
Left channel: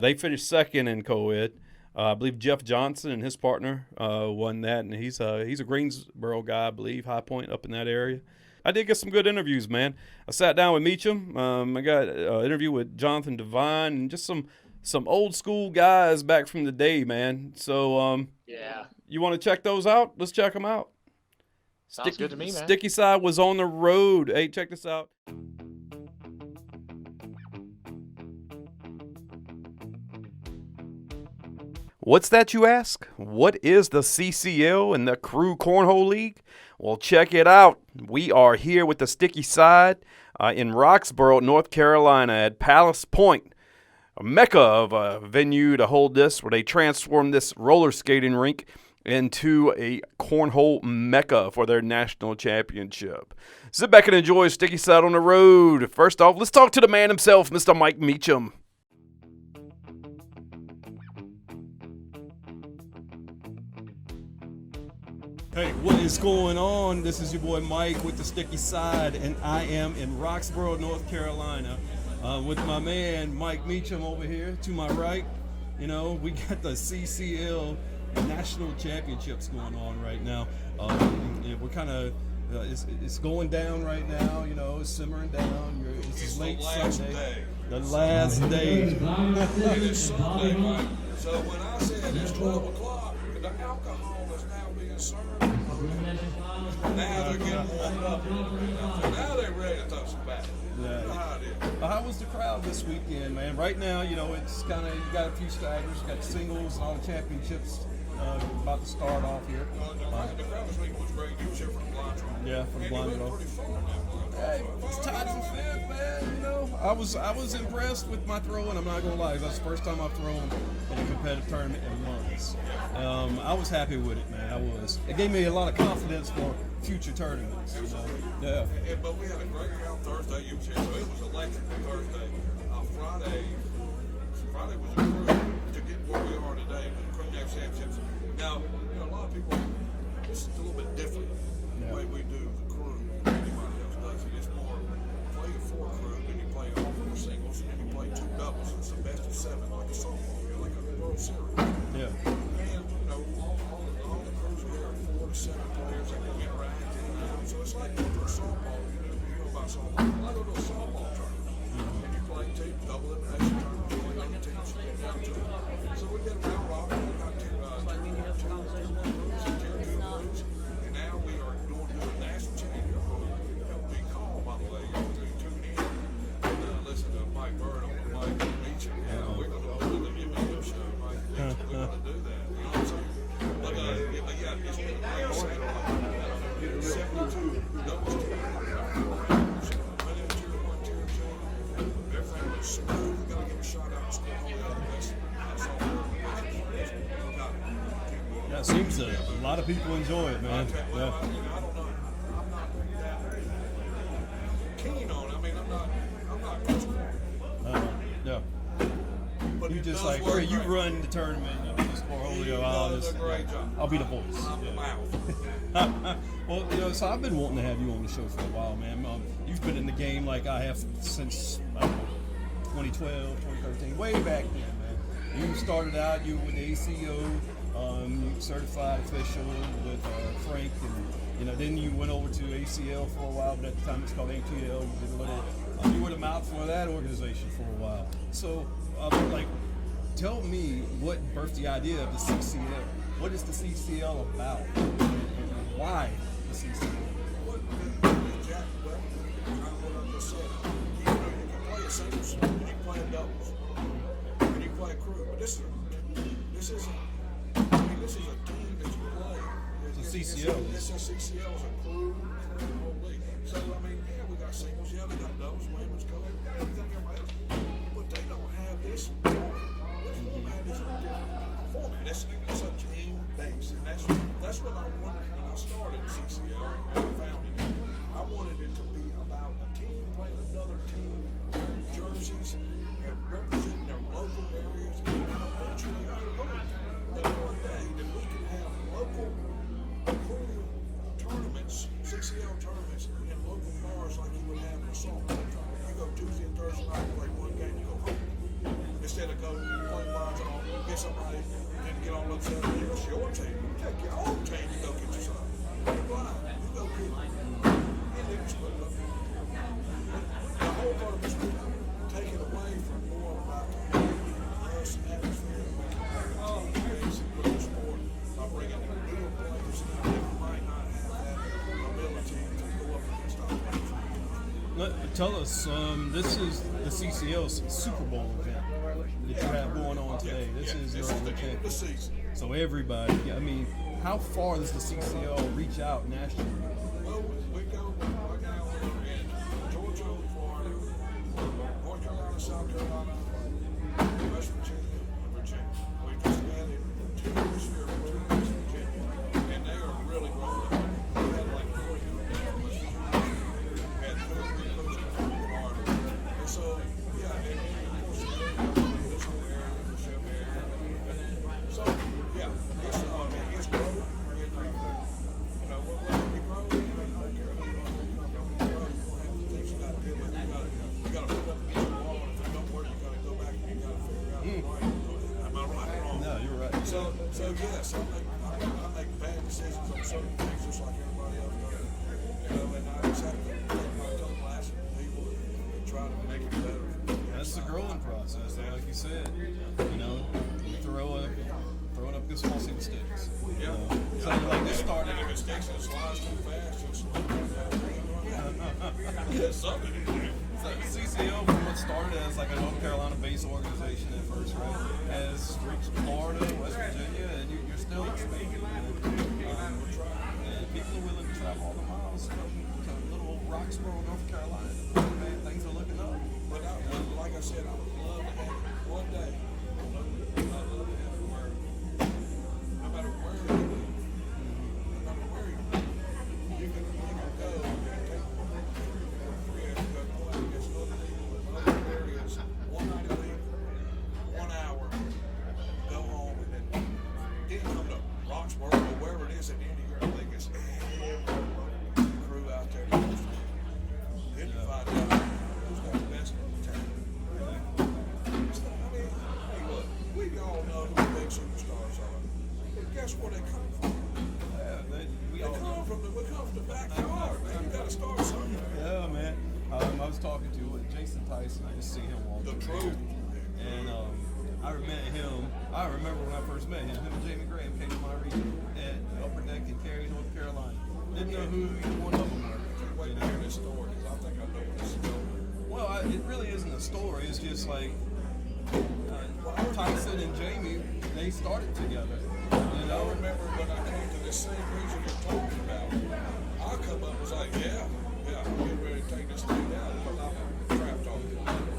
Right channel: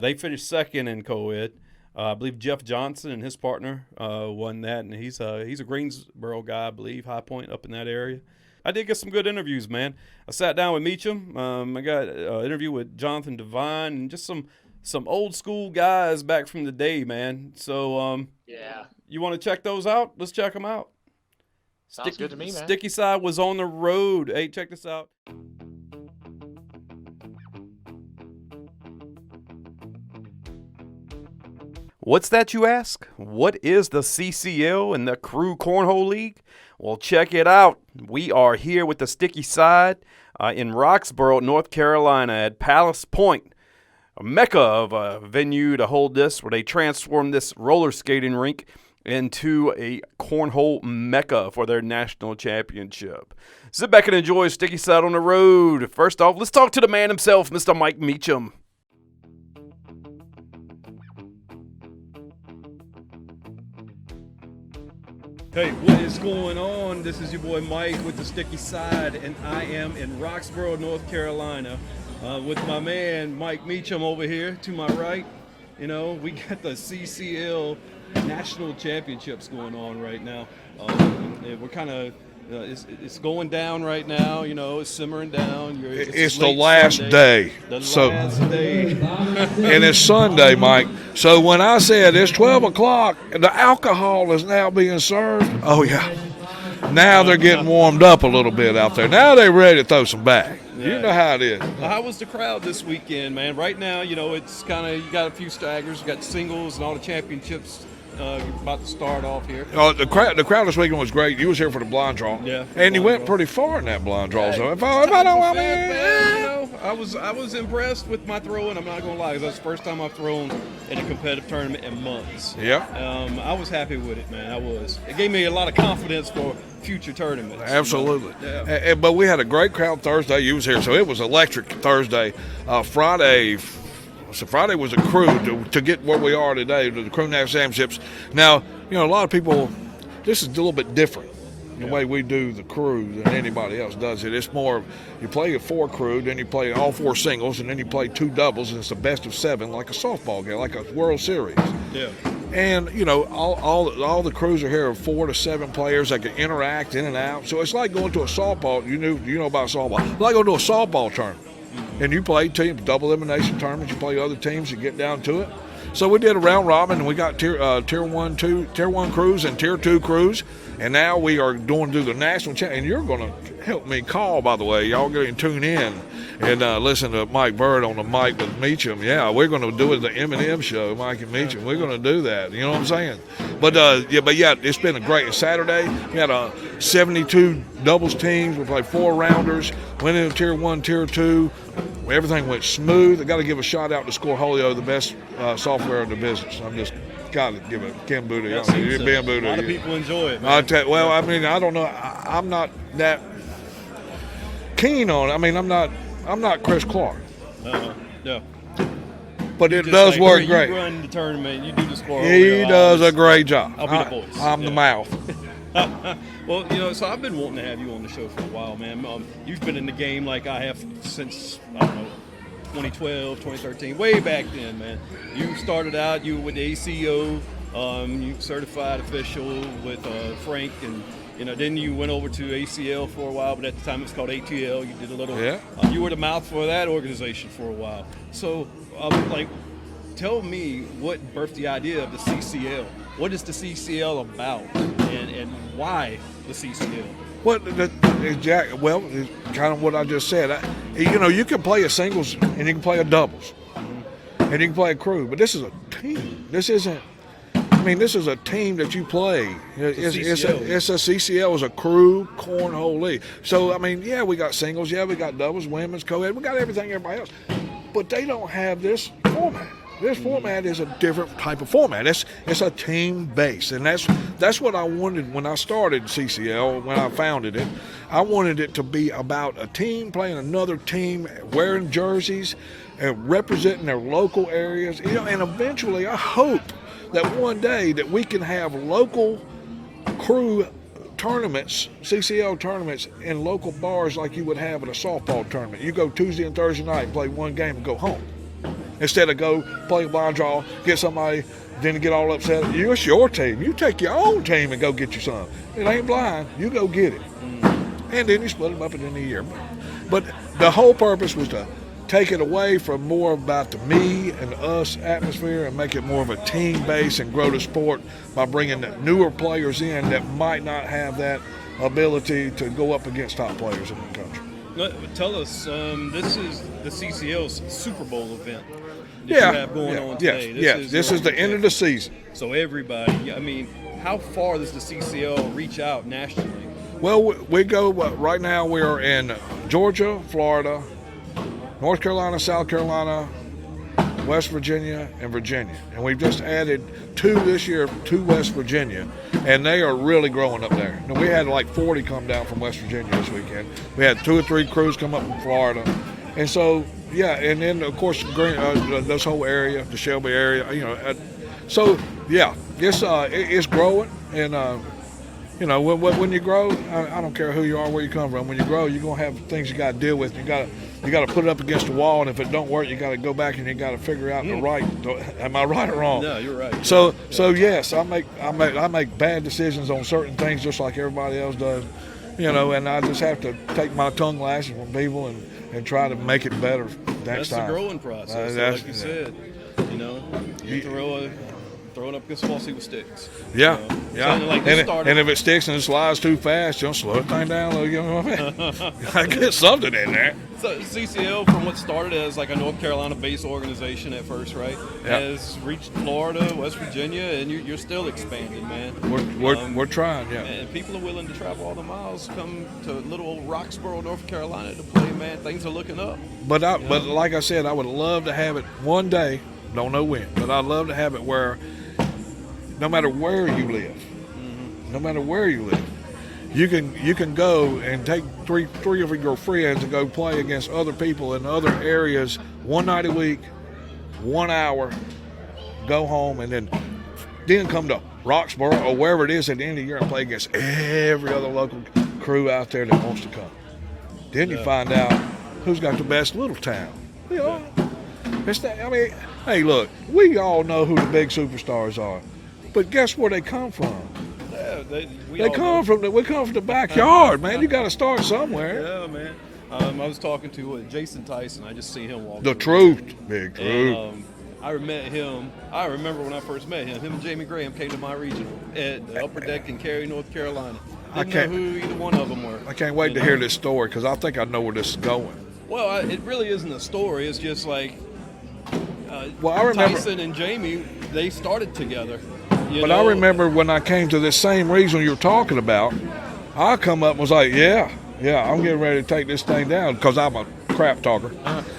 They finished second in co-ed. I believe Jeff Johnson and his partner won that, and he's a Greensboro guy, I believe, High Point up in that area. I did get some good interviews, man. I sat down with Meacham. I got an interview with Jonathan Devine and just some old school guys back from the day, man. So you want to check those out? Let's check them out. Sounds good to me, man. Sticky Side was on the road. Hey, check this out. What's that, you ask? What is the CCL and the Crew Cornhole League? Well, check it out. We are here with the Sticky Side in Roxboro, North Carolina at Palace Point, a mecca of a venue to hold this, where they transformed this roller skating rink into a cornhole mecca for their national championship. Sit back and enjoy Sticky Side on the road. First off, let's talk to the man himself, Mr. Mike Meacham. Hey, what is going on? This is your boy Mike with the Sticky Side, and I am in Roxboro, North Carolina, with my man Mike Meacham over here to my right. You know, we got the CCL National Championships going on right now. And we're kind of it's going down right now. You know, it's simmering down. It's the last day. The last day. And it's Sunday, Mike. So when I said it's 12 o'clock and the alcohol is now being served, oh, yeah. Now they're getting warmed up a little bit out there. Now they're ready to throw some back. You know how it is. How was the crowd this weekend, man? Right now, you know, it's kind of, you got a few staggers. You got singles and all the championships. About to start off here. Oh, the crowd this weekend was great. You was here for the blind draw. Yeah. And you went pretty far in that blind draw. So I was impressed with my throwing. I'm not gonna lie, 'cause that's the first time I've thrown in a competitive tournament in months. Yeah. I was happy with it, man. I was. It gave me a lot of confidence for future tournaments. Absolutely. You know? Yeah. But we had a great crowd Thursday. You was here, so it was electric Thursday. So Friday was a crew to get where we are today, to the Crew National Championships. Now, you know, a lot of people, this is a little bit different, the way we do the crew than anybody else does it. It's more, you play a 4 crew, then you play all 4 singles, and then you play 2 doubles, and it's the best of 7, like a softball game, like a World Series. Yeah. And, you know, all the crews are here are 4 to 7 players that can interact in and out. So it's like going to a softball, you know about softball. It's like going to a softball tournament. And you play teams, double elimination tournaments. You play other teams to get down to it. So we did a round robin, and we got tier 1 crews and tier 2 crews, and now we are going to do the national champ. And you're going to help me call, by the way. Y'all going to tune in and listen to Mike Bird on the mic with Meacham. Yeah, we're going to do it the M&M show, Mike and Meacham. We're going to do that. You know what I'm saying? But yeah, it's been a great Saturday. We had 72 doubles teams. We played 4 rounders. Went into tier 1, tier 2. Everything went smooth. I got to give a shout out to Scoreholio, the best software in the business. I'm just got to give it Ken Buda. A lot of people enjoy it. I mean, I don't know. I'm not that keen on it. I mean, I'm not Chris Clark. Yeah. But it does work great. You run the tournament. You do the score. He does a great job. I'll be the voice. I'm the mouth. Well, you know, so I've been wanting to have you on the show for a while, man. You've been in the game like I have since, I don't know, 2012, 2013, way back then, man. You started out, you were with the ACO, you certified official with Frank, and, you know, then you went over to ACL for a while, but at the time it was called ATL. You did a little, you were the mouth for that organization for a while. So, tell me what birthed the idea of the CCL. What is the CCL about, and why the CCL? Well, it's kind of what I just said. You know, you can play a singles and you can play a doubles, and you can play a crew, but this is a team. This isn't. I mean, this is a team that you play. It's a CCL is a crew cornhole league. So I mean, yeah, we got singles, yeah, we got doubles, women's, co-ed, we got everything everybody else, but they don't have this format. This format is a different type of format. It's a team base, and that's what I wanted when I started CCL, when I founded it. I wanted it to be about a team playing another team, wearing jerseys, and representing their local areas. You know, and eventually, I hope that one day that we can have local crew tournaments, CCL tournaments, in local bars like you would have at a softball tournament. You go Tuesday and Thursday night, play one game, and go home. Instead of go play a blind draw, get somebody, then get all upset. It's your team. You take your own team and go get you some. It ain't blind. You go get it. And then you split them up at the end of the year. But the whole purpose was to take it away from more about the me and us atmosphere and make it more of a team base and grow the sport by bringing the newer players in that might not have that ability to go up against top players in the country. Tell us, this is the CCL's Super Bowl event that Yeah, you have going on yes, today. This is the end of the season. So everybody, I mean, how far does the CCL reach out nationally? Well, we go, right now we are in Georgia, Florida, North Carolina, South Carolina, West Virginia, and Virginia. And we've just added 2 this year to West Virginia, and they are really growing up there. Now, we had like 40 come down from West Virginia this weekend. We had 2 or 3 crews come up from Florida. And so, yeah, and then, of course, this whole area, the Shelby area, you know. So, yeah, it's growing. And, you know, when you grow, I don't care who you are, where you come from. When you grow, you're going to have things you got to deal with. You got to put it up against the wall, and if it don't work, you got to go back and you got to figure out the right. Am I right or wrong? No, you're right. So yes, I make bad decisions on certain things just like everybody else does, you know, and I just have to take my tongue lashing from people and try to make it better next time. That's the growing process. Like you said, you know, you throw it up against the wall, see what sticks. Yeah, you know? yeah. So, like, and if it sticks and it slides too fast, you'll slow it thing down. You know what I mean? I get something in there. So CCL, from what started as like a North Carolina-based organization at first, right, has reached Florida, West Virginia, and you're still expanding, man. We're trying, yeah. And people are willing to travel all the miles, come to little old Roxboro, North Carolina to play, man. Things are looking up. But like I said, I would love to have it one day. Don't know when, but I'd love to have it where no matter where you live, you can go and take three of your friends and go play against other people in other areas 1 night a week, 1 hour, go home, and then come to Roxboro or wherever it is at the end of the year and play against every other local crew out there that wants to come. Then you find out who's got the best little town. You know, I mean, hey, look, we all know who the big superstars are, but guess where they come from? Yeah, we come from the backyard, man. You got to start somewhere. Yeah, man. I was talking to Jason Tyson. I just seen him walk. The truth, big truth. And, I remember when I first met him. Him and Jamie Graham came to my regional at the Upper Deck in Cary, North Carolina. Didn't know who either one of them were. I can't wait to hear this story because I think I know where this is going. Well, it really isn't a story. It's just like I remember Tyson and Jamie, they started together. I remember when I came to this same regional you're talking about, I come up and was like, yeah, I'm getting ready to take this thing down because I'm a crap talker.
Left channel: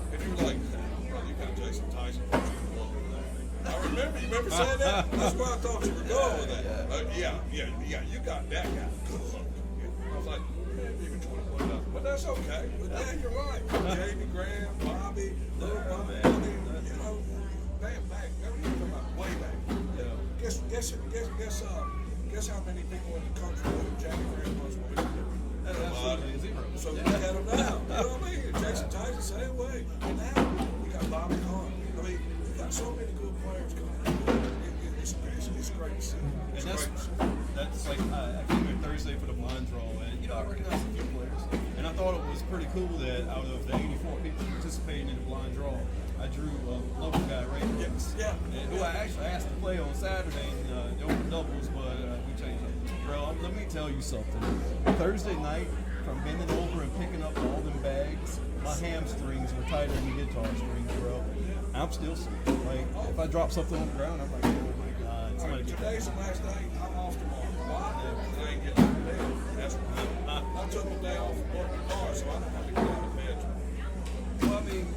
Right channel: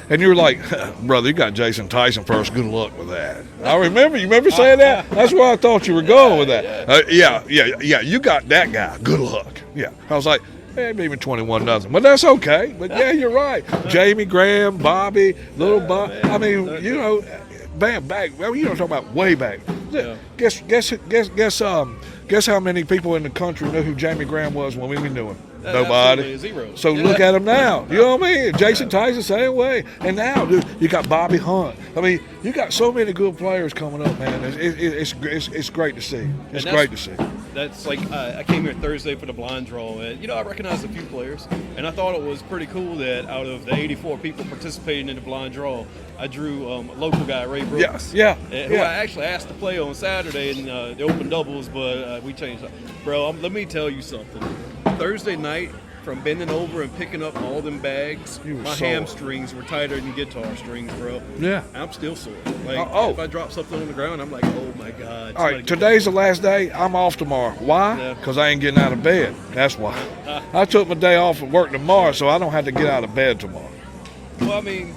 And you were like, brother, you got Jason Tyson first. Good luck with that. I remember. You remember saying that? That's where I thought you were going with that. Yeah. You got that guy. Good luck. Yeah. I was like, maybe 21-0, but that's okay. But yeah, you're right. Jamie Graham, Bobby, little Bob. I mean, you know, back. Well, you don't talk about way back. Yeah. Guess how many people in the country knew who Jamie Graham was when we knew him? Nobody. Zero. So look at him now. You know what I mean? Jason Tyson, same way. And now, dude, you got Bobby Hunt. I mean, you got so many good players coming up, man. It's great to see. It's great to see. That's like I came here Thursday for the blind draw, and I recognized a few players, and I thought it was pretty cool that out of the 84 people participating in the blind draw, I drew a local guy, Ray Brooks. Who I actually asked to play on Saturday in the open doubles, but we changed that. Bro, let me tell you something. Thursday night, from bending over and picking up all them bags, my hamstrings were tighter than guitar strings, bro. Yeah. I'm still sore. Like, if I drop something on the ground, I'm like, oh my God. All right, today's the last day. I'm off tomorrow. Why? Because I ain't getting out of bed. That's why. I took my day off of work tomorrow, so I don't have to get out of bed tomorrow. Well, I mean,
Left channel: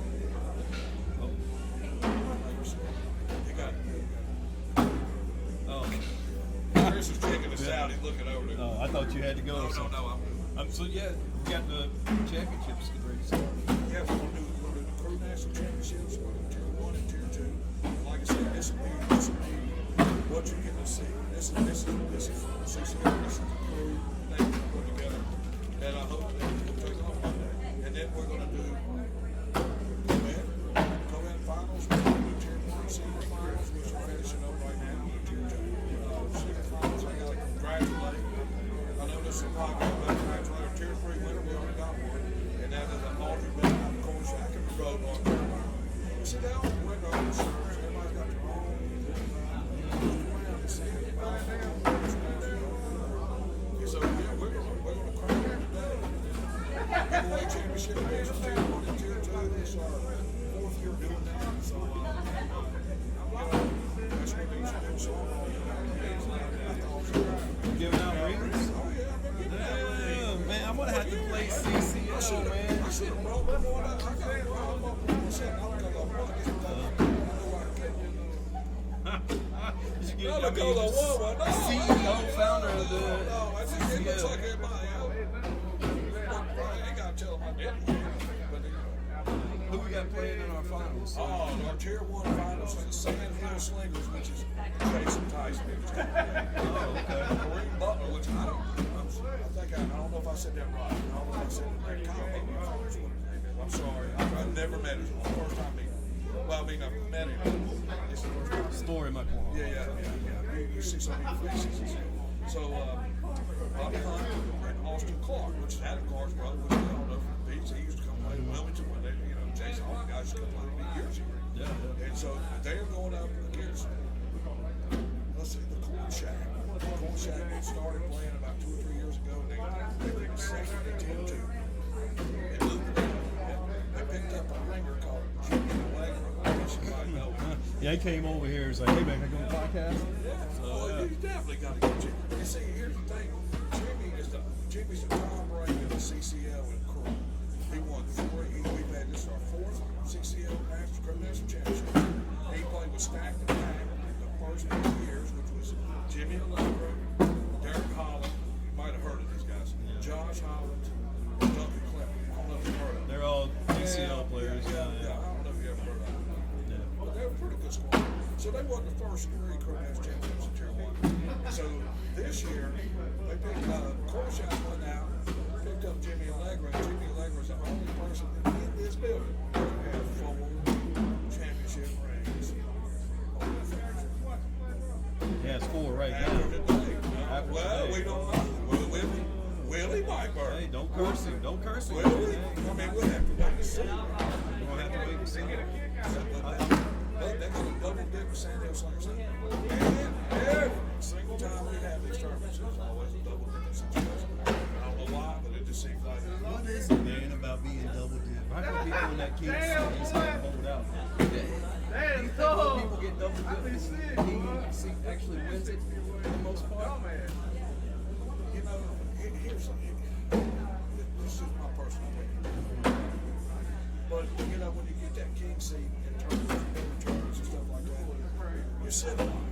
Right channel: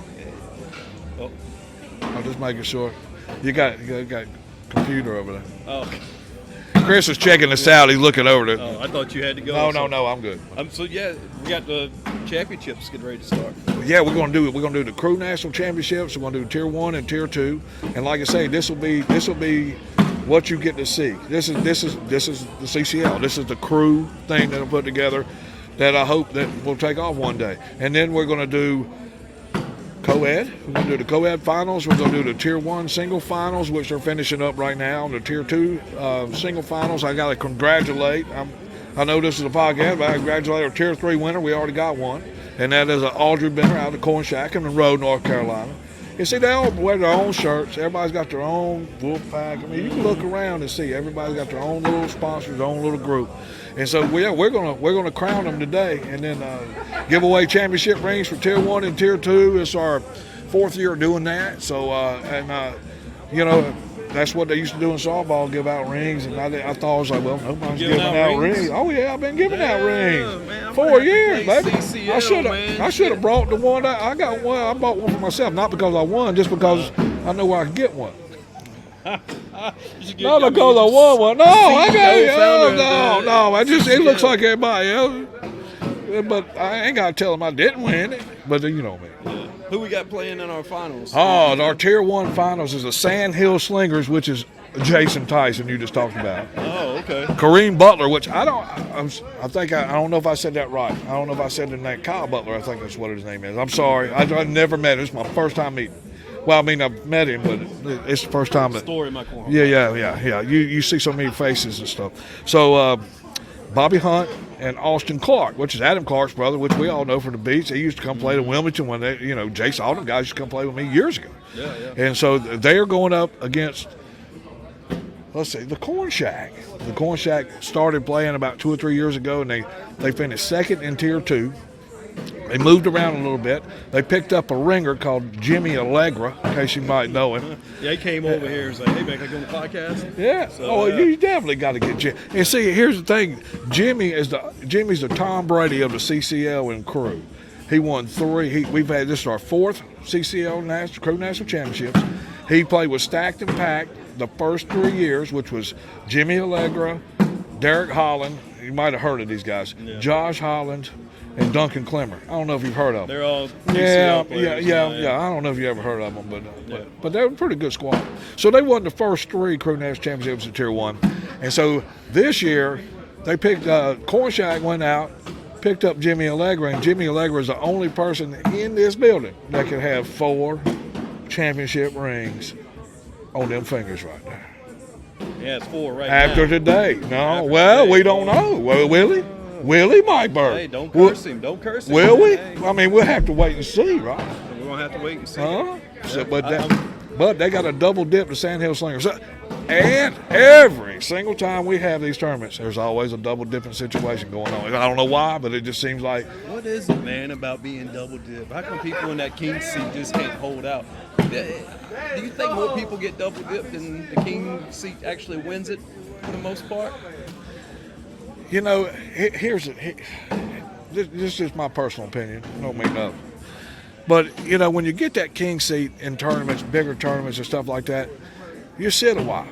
I'm just making sure. You got a computer over there. Oh. Chris is checking this out. He's looking over there. Oh, I thought you had to go. No, I'm good. So yeah, we got the championships getting ready to start. Yeah, we're gonna do the Crew National Championships. We're gonna do Tier 1 and Tier 2, and like I say, this will be what you get to see. This is the CCL. This is the crew thing that I put together that I hope that will take off one day. And then we're gonna do co-ed. We're going to do the co-ed finals. We're going to do the Tier 1 single finals, which are finishing up right now. The Tier 2 single finals, I got to congratulate. I know this is a podcast, but I congratulate our Tier 3 winner. We already got one, and that is Audrey Benner out of Corn Shack in Monroe, North Carolina. You see, they all wear their own shirts. Everybody's got their own wolf pack. I mean, you can look around and see everybody's got their own little sponsors, their own little group. And so we're gonna crown them today, and then give away championship rings for Tier 1 and Tier 2. It's our 4th year doing that. So you know, that's what they used to do in softball, give out rings. And I thought, I was like, well, nobody's giving out rings. Oh, yeah, I've been giving out rings. Man, 4 years, baby. CCL, I should have brought the one. I got one. I bought one for myself, not because I won, just because I know where I can get one. Not because I won one. No, I got no. It looks like everybody else. But I ain't got to tell them I didn't win it. But you know me. Who we got playing in our finals? Oh, our Tier 1 finals is the Sand Hill Slingers, which is Jason Tyson you just talked about. Oh, okay. Kareem Butler, which I don't know if I said that right. I don't know if I said the name. Kyle Butler, I think that's what his name is. I'm sorry. I've never met him. It's my first time meeting. Well, I mean, I've met him, but it's the first time. Story in my corner. Yeah. You see so many faces and stuff. So, Bobby Hunt and Austin Clark, which is Adam Clark's brother, which we all know from the beach. They used to come play in Wilmington when they, Jace, all them guys used to come play with me years ago. Yeah. And so they are going up against, let's see, the Corn Shack. The Corn Shack started playing about 2 or 3 years ago, and they finished second in Tier 2. They moved around a little bit. They picked up a ringer called Jimmy Allegra, in case you might know him. Yeah, he came over here and said, hey, man, can I go on the podcast? Yeah. So, you definitely got to get Jimmy. And see, here's the thing. Jimmy's the Tom Brady of the CCL and crew. He won 3. This is our 4th CCL Crew National Championships. He played with Stacked and Packed the first 3 years, which was Jimmy Allegra, Derek Holland. You might have heard of these guys. Yeah. Josh Holland. And Duncan Clemmer. I don't know if you've heard of them. They're all players. Yeah. I don't know if you ever heard of them, but they were a pretty good squad. So they won the first 3 Crew National Championships in Tier 1. And so this year, they picked, Corn Shack went out, picked up Jimmy Allegra, and Jimmy Allegra is the only person in this building that can have 4 championship rings on them fingers right there. Yeah, it's 4 right After now. Today. No, we don't know. Well, will he, Mike Bird? Hey, don't curse him. Don't curse him. Will we? I mean, we'll have to wait and see, right? We're going to have to wait and see. But they got a double dip to Sand Hill Slingers. And every single time we have these tournaments, there's always a double dipping situation going on. I don't know why, but it just seems like. What is it, man, about being double dip? How come people in that king seat just can't hold out? Do you think more people get double dipped and the king seat actually wins it for the most part? This is my personal opinion. I don't mean nothing. But, when you get that king seat in tournaments, bigger tournaments and stuff like that, you sit a while.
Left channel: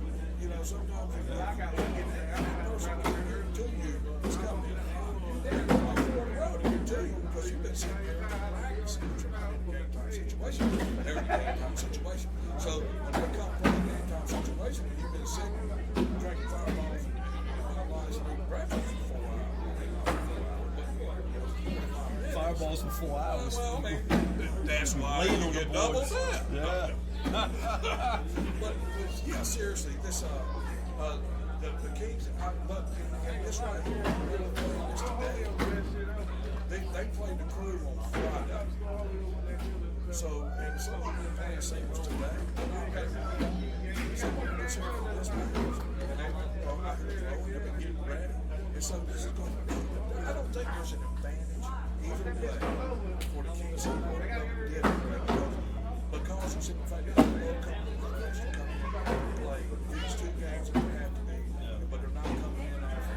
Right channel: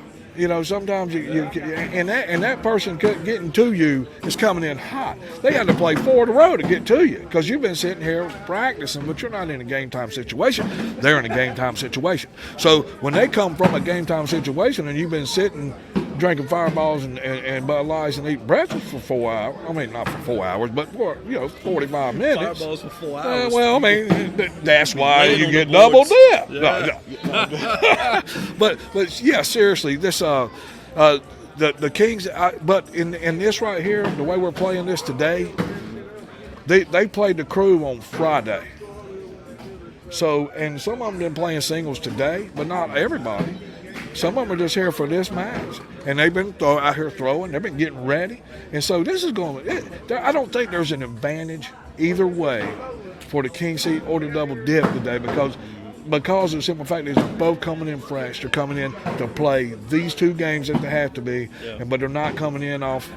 Sometimes and that person getting to you is coming in hot. They got to play 4 in a row to get to you because you've been sitting here practicing, but you're not in a game time situation. They're in a game time situation. So when they come from a game time situation and you've been sitting drinking Fireballs and Bud Lights and eating breakfast for 4 hours. I mean, not for 4 hours, but for 45 minutes. Fireballs for 4 hours. Well, I mean, that's why you get double dip. Yeah. No. But yeah, seriously, this the Kings. But in this right here, the way we're playing this today, they played the crew on Friday. So, and some of them been playing singles today, but not everybody. Some of them are just here for this match, and they've been out here throwing. They've been getting ready, and so this is going. I don't think there's an advantage either way for the king seat or the double dip today because of the simple fact that they're both coming in fresh. They're coming in to play these 2 games that they have to be, but they're not coming in off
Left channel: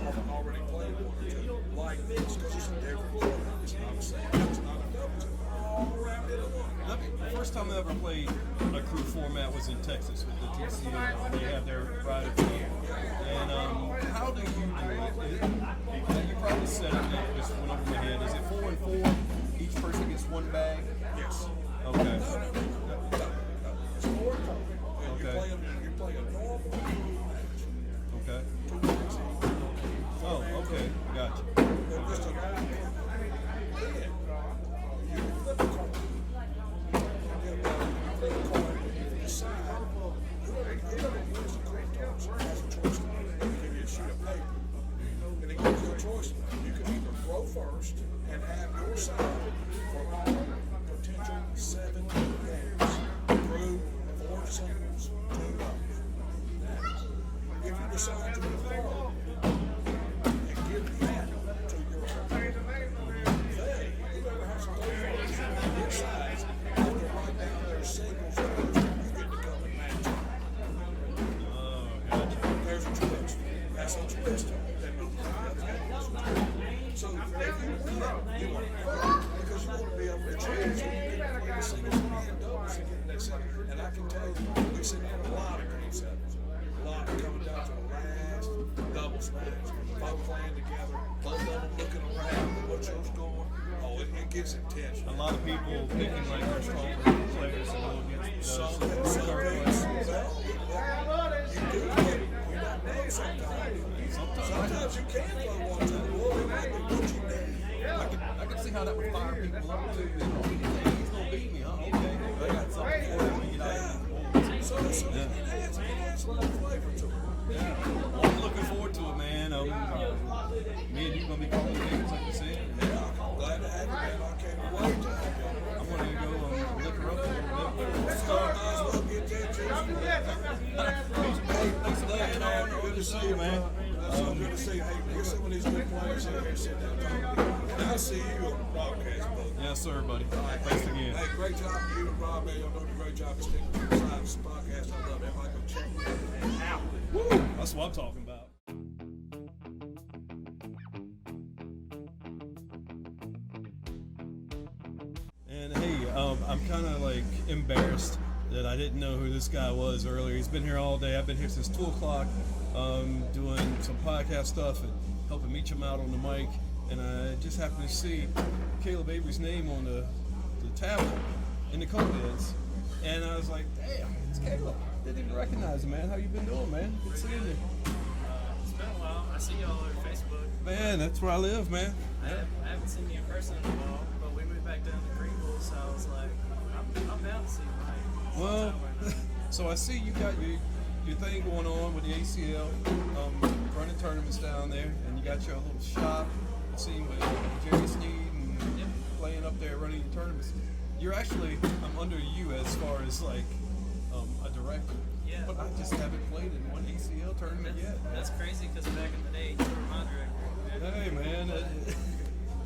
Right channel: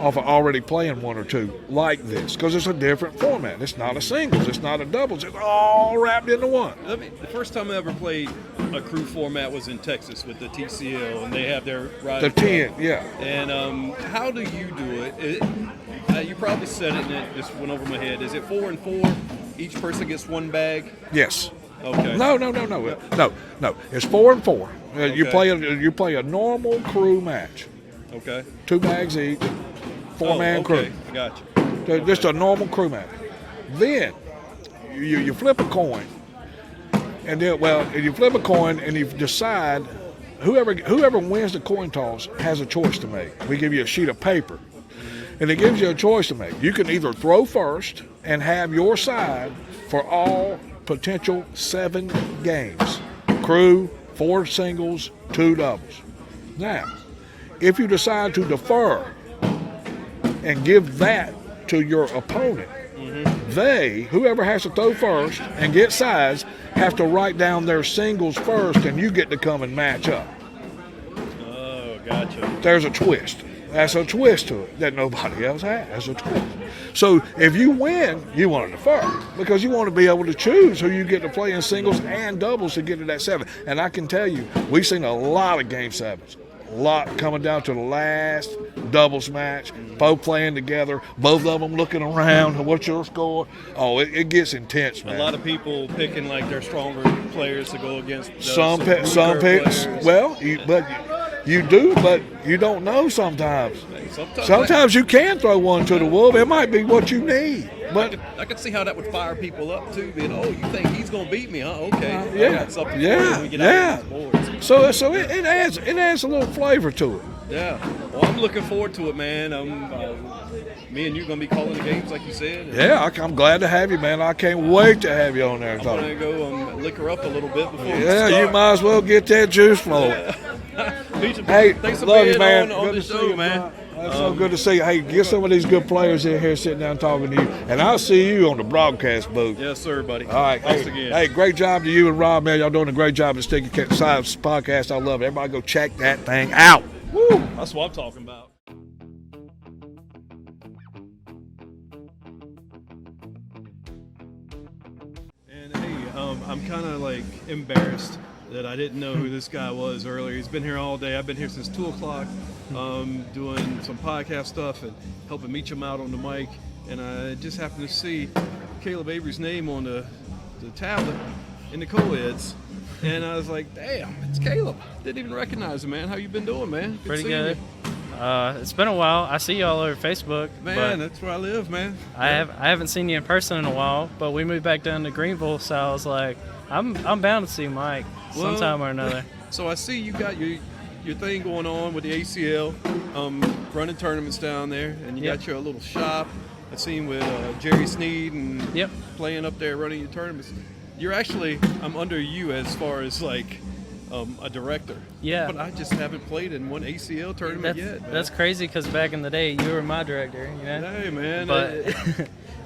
of already playing 1 or 2 like this because it's a different format. It's not a singles. It's not a doubles. It's all wrapped into one. The first time I ever played a crew format was in Texas with the TCL, and they have their rider. The 10, yeah. And how do you do it? You probably said it, and it just went over my head. Is it 4 and 4? Each person gets 1 bag? Yes. Okay. No. It's 4 and 4. Okay. You play a normal crew match. Okay. 2 bags each. 4-man crew. I got you. Just a normal crew match. Then you flip a coin, and then you flip a coin and you decide whoever wins the coin toss has a choice to make. We give you a sheet of paper, and it gives you a choice to make. You can either throw first and have your side for all potential 7 games. Crew, 4 singles, 2 doubles. Now, if you decide to defer and give that to your opponent, whoever has to throw first and get size, have to write down their singles first, and you get to come and match up. Oh, gotcha. There's a twist. That's a twist to it that nobody else has. That's a twist. So if you win, you want to defer because you want to be able to choose who you get to play in singles and doubles to get to that 7. And I can tell you, we've seen a lot of Game 7s. A lot coming down to the last doubles match, both playing together, both of them looking around, what's your score? Oh, it gets intense, man. A lot of people picking like their stronger players to go against. Some picks. Well, you do, but you don't know sometimes. Sometimes you can throw one to the wolf. It might be what you need. But I can see how that would fire people up too. Being, oh, you think he's gonna beat me? Huh? Okay. Yeah. So it adds a little flavor to it. Yeah. Well, I'm looking forward to it, man. Me and you gonna be calling the games like you said. Yeah, I'm glad to have you, man. I can't wait to have you on there. I'm gonna go liquor up a little bit before we start. Yeah, you might as well get that juice flowing. Hey, thanks for love being you, man. On good the to show, see you, man. It's so good to see you. Hey, get some of these good players in here sitting down talking to you. And I'll see you on the broadcast booth. Yes, sir, buddy. All right. Thanks again. Hey, great job to you and Rob, man. Y'all doing a great job at Sticky Science Podcast. I love it. Everybody go check that thing out. Woo! That's what I'm talking about. And hey, I'm kind of like embarrassed that I didn't know who this guy was earlier. He's been here all day. I've been here since 2 o'clock doing some podcast stuff and helping Meacham out on the mic. And I just happened to see Caleb Avery's name on the tablet in the co-eds. And I was like, damn, it's Caleb. Didn't even recognize him, man. How you been doing, man? Pretty good. It's been a while. I see you all over Facebook. Man, that's where I live, man. I haven't seen you in person in a while, but we moved back down to Greenville, so I was like, I'm bound to see Mike sometime or another. So I see you got your thing going on with the ACL, running tournaments down there, and you got your little shop. I seen with Jerry Sneed and playing up there, running your tournaments. You're actually, I'm under you as far as like a director. Yeah. But I just haven't played in one ACL tournament yet. That's crazy because back in the day, you were my director. You know? Hey, man. But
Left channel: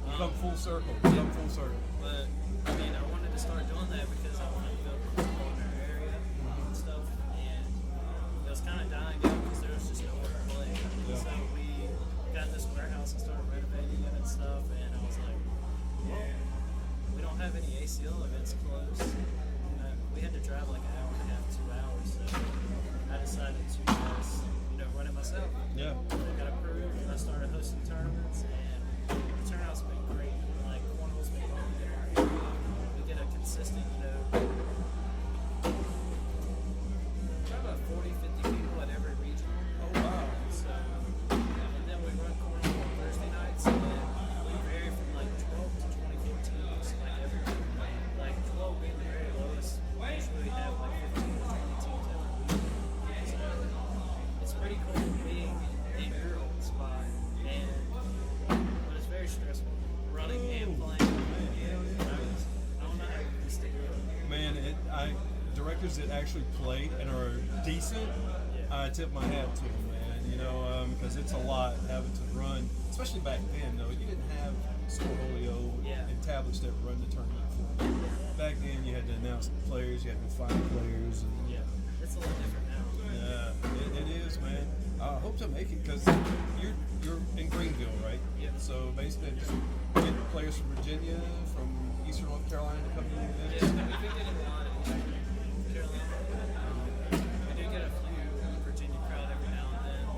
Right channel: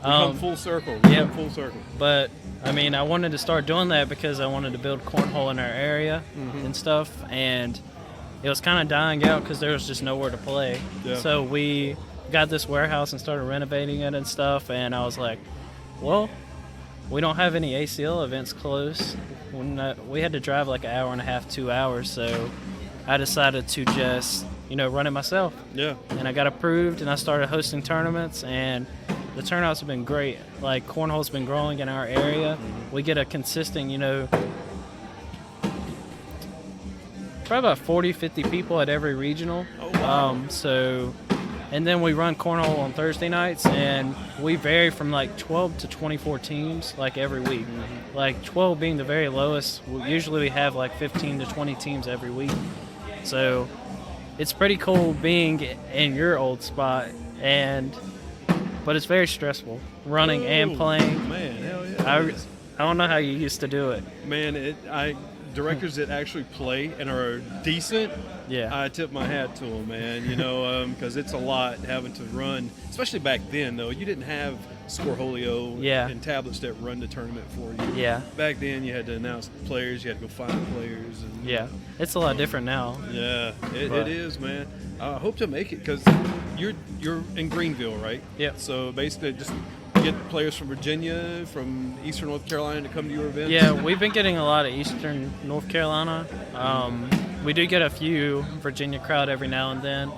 come full circle. Yeah, full circle. But I mean, I wanted to start doing that because I wanted to build cornhole in our area and stuff, and it was kind of dying out because there was just nowhere to play. Yeah. So we got this warehouse and started renovating it and stuff, and I was like, well, we don't have any ACL events close. We had to drive like an hour and a half, 2 hours, so I decided to just, run it myself. Yeah. And I got approved, and I started hosting tournaments, and the turnouts have been great. Like, cornhole's been growing in our area. We get a consistent, probably about 40, 50 people at every regional. Oh, wow. And then we run cornhole on Thursday nights, and we vary from like 12 to 24 teams like every week. Like 12 being the very lowest. Usually we have like 15 to 20 teams every week. So it's pretty cool being in your old spot, but it's very stressful running and playing. Man, hell yeah. I don't know how you used to do it. Man, directors that actually play and are decent, I tip my hat to them, man, because it's a lot having to run, especially back then, though. You didn't have Scoreholio and tablets that run the tournament for you. Yeah. Back then, you had to announce players, you had to go find players. It's a lot different now. Yeah, it is, man. I hope to make it because you're in Greenville, right? Yeah. So basically, just get players from Virginia, from Eastern North Carolina to come to your events. Yeah, we've been getting a lot of Eastern North Carolina. We do get a few Virginia crowd every now and then,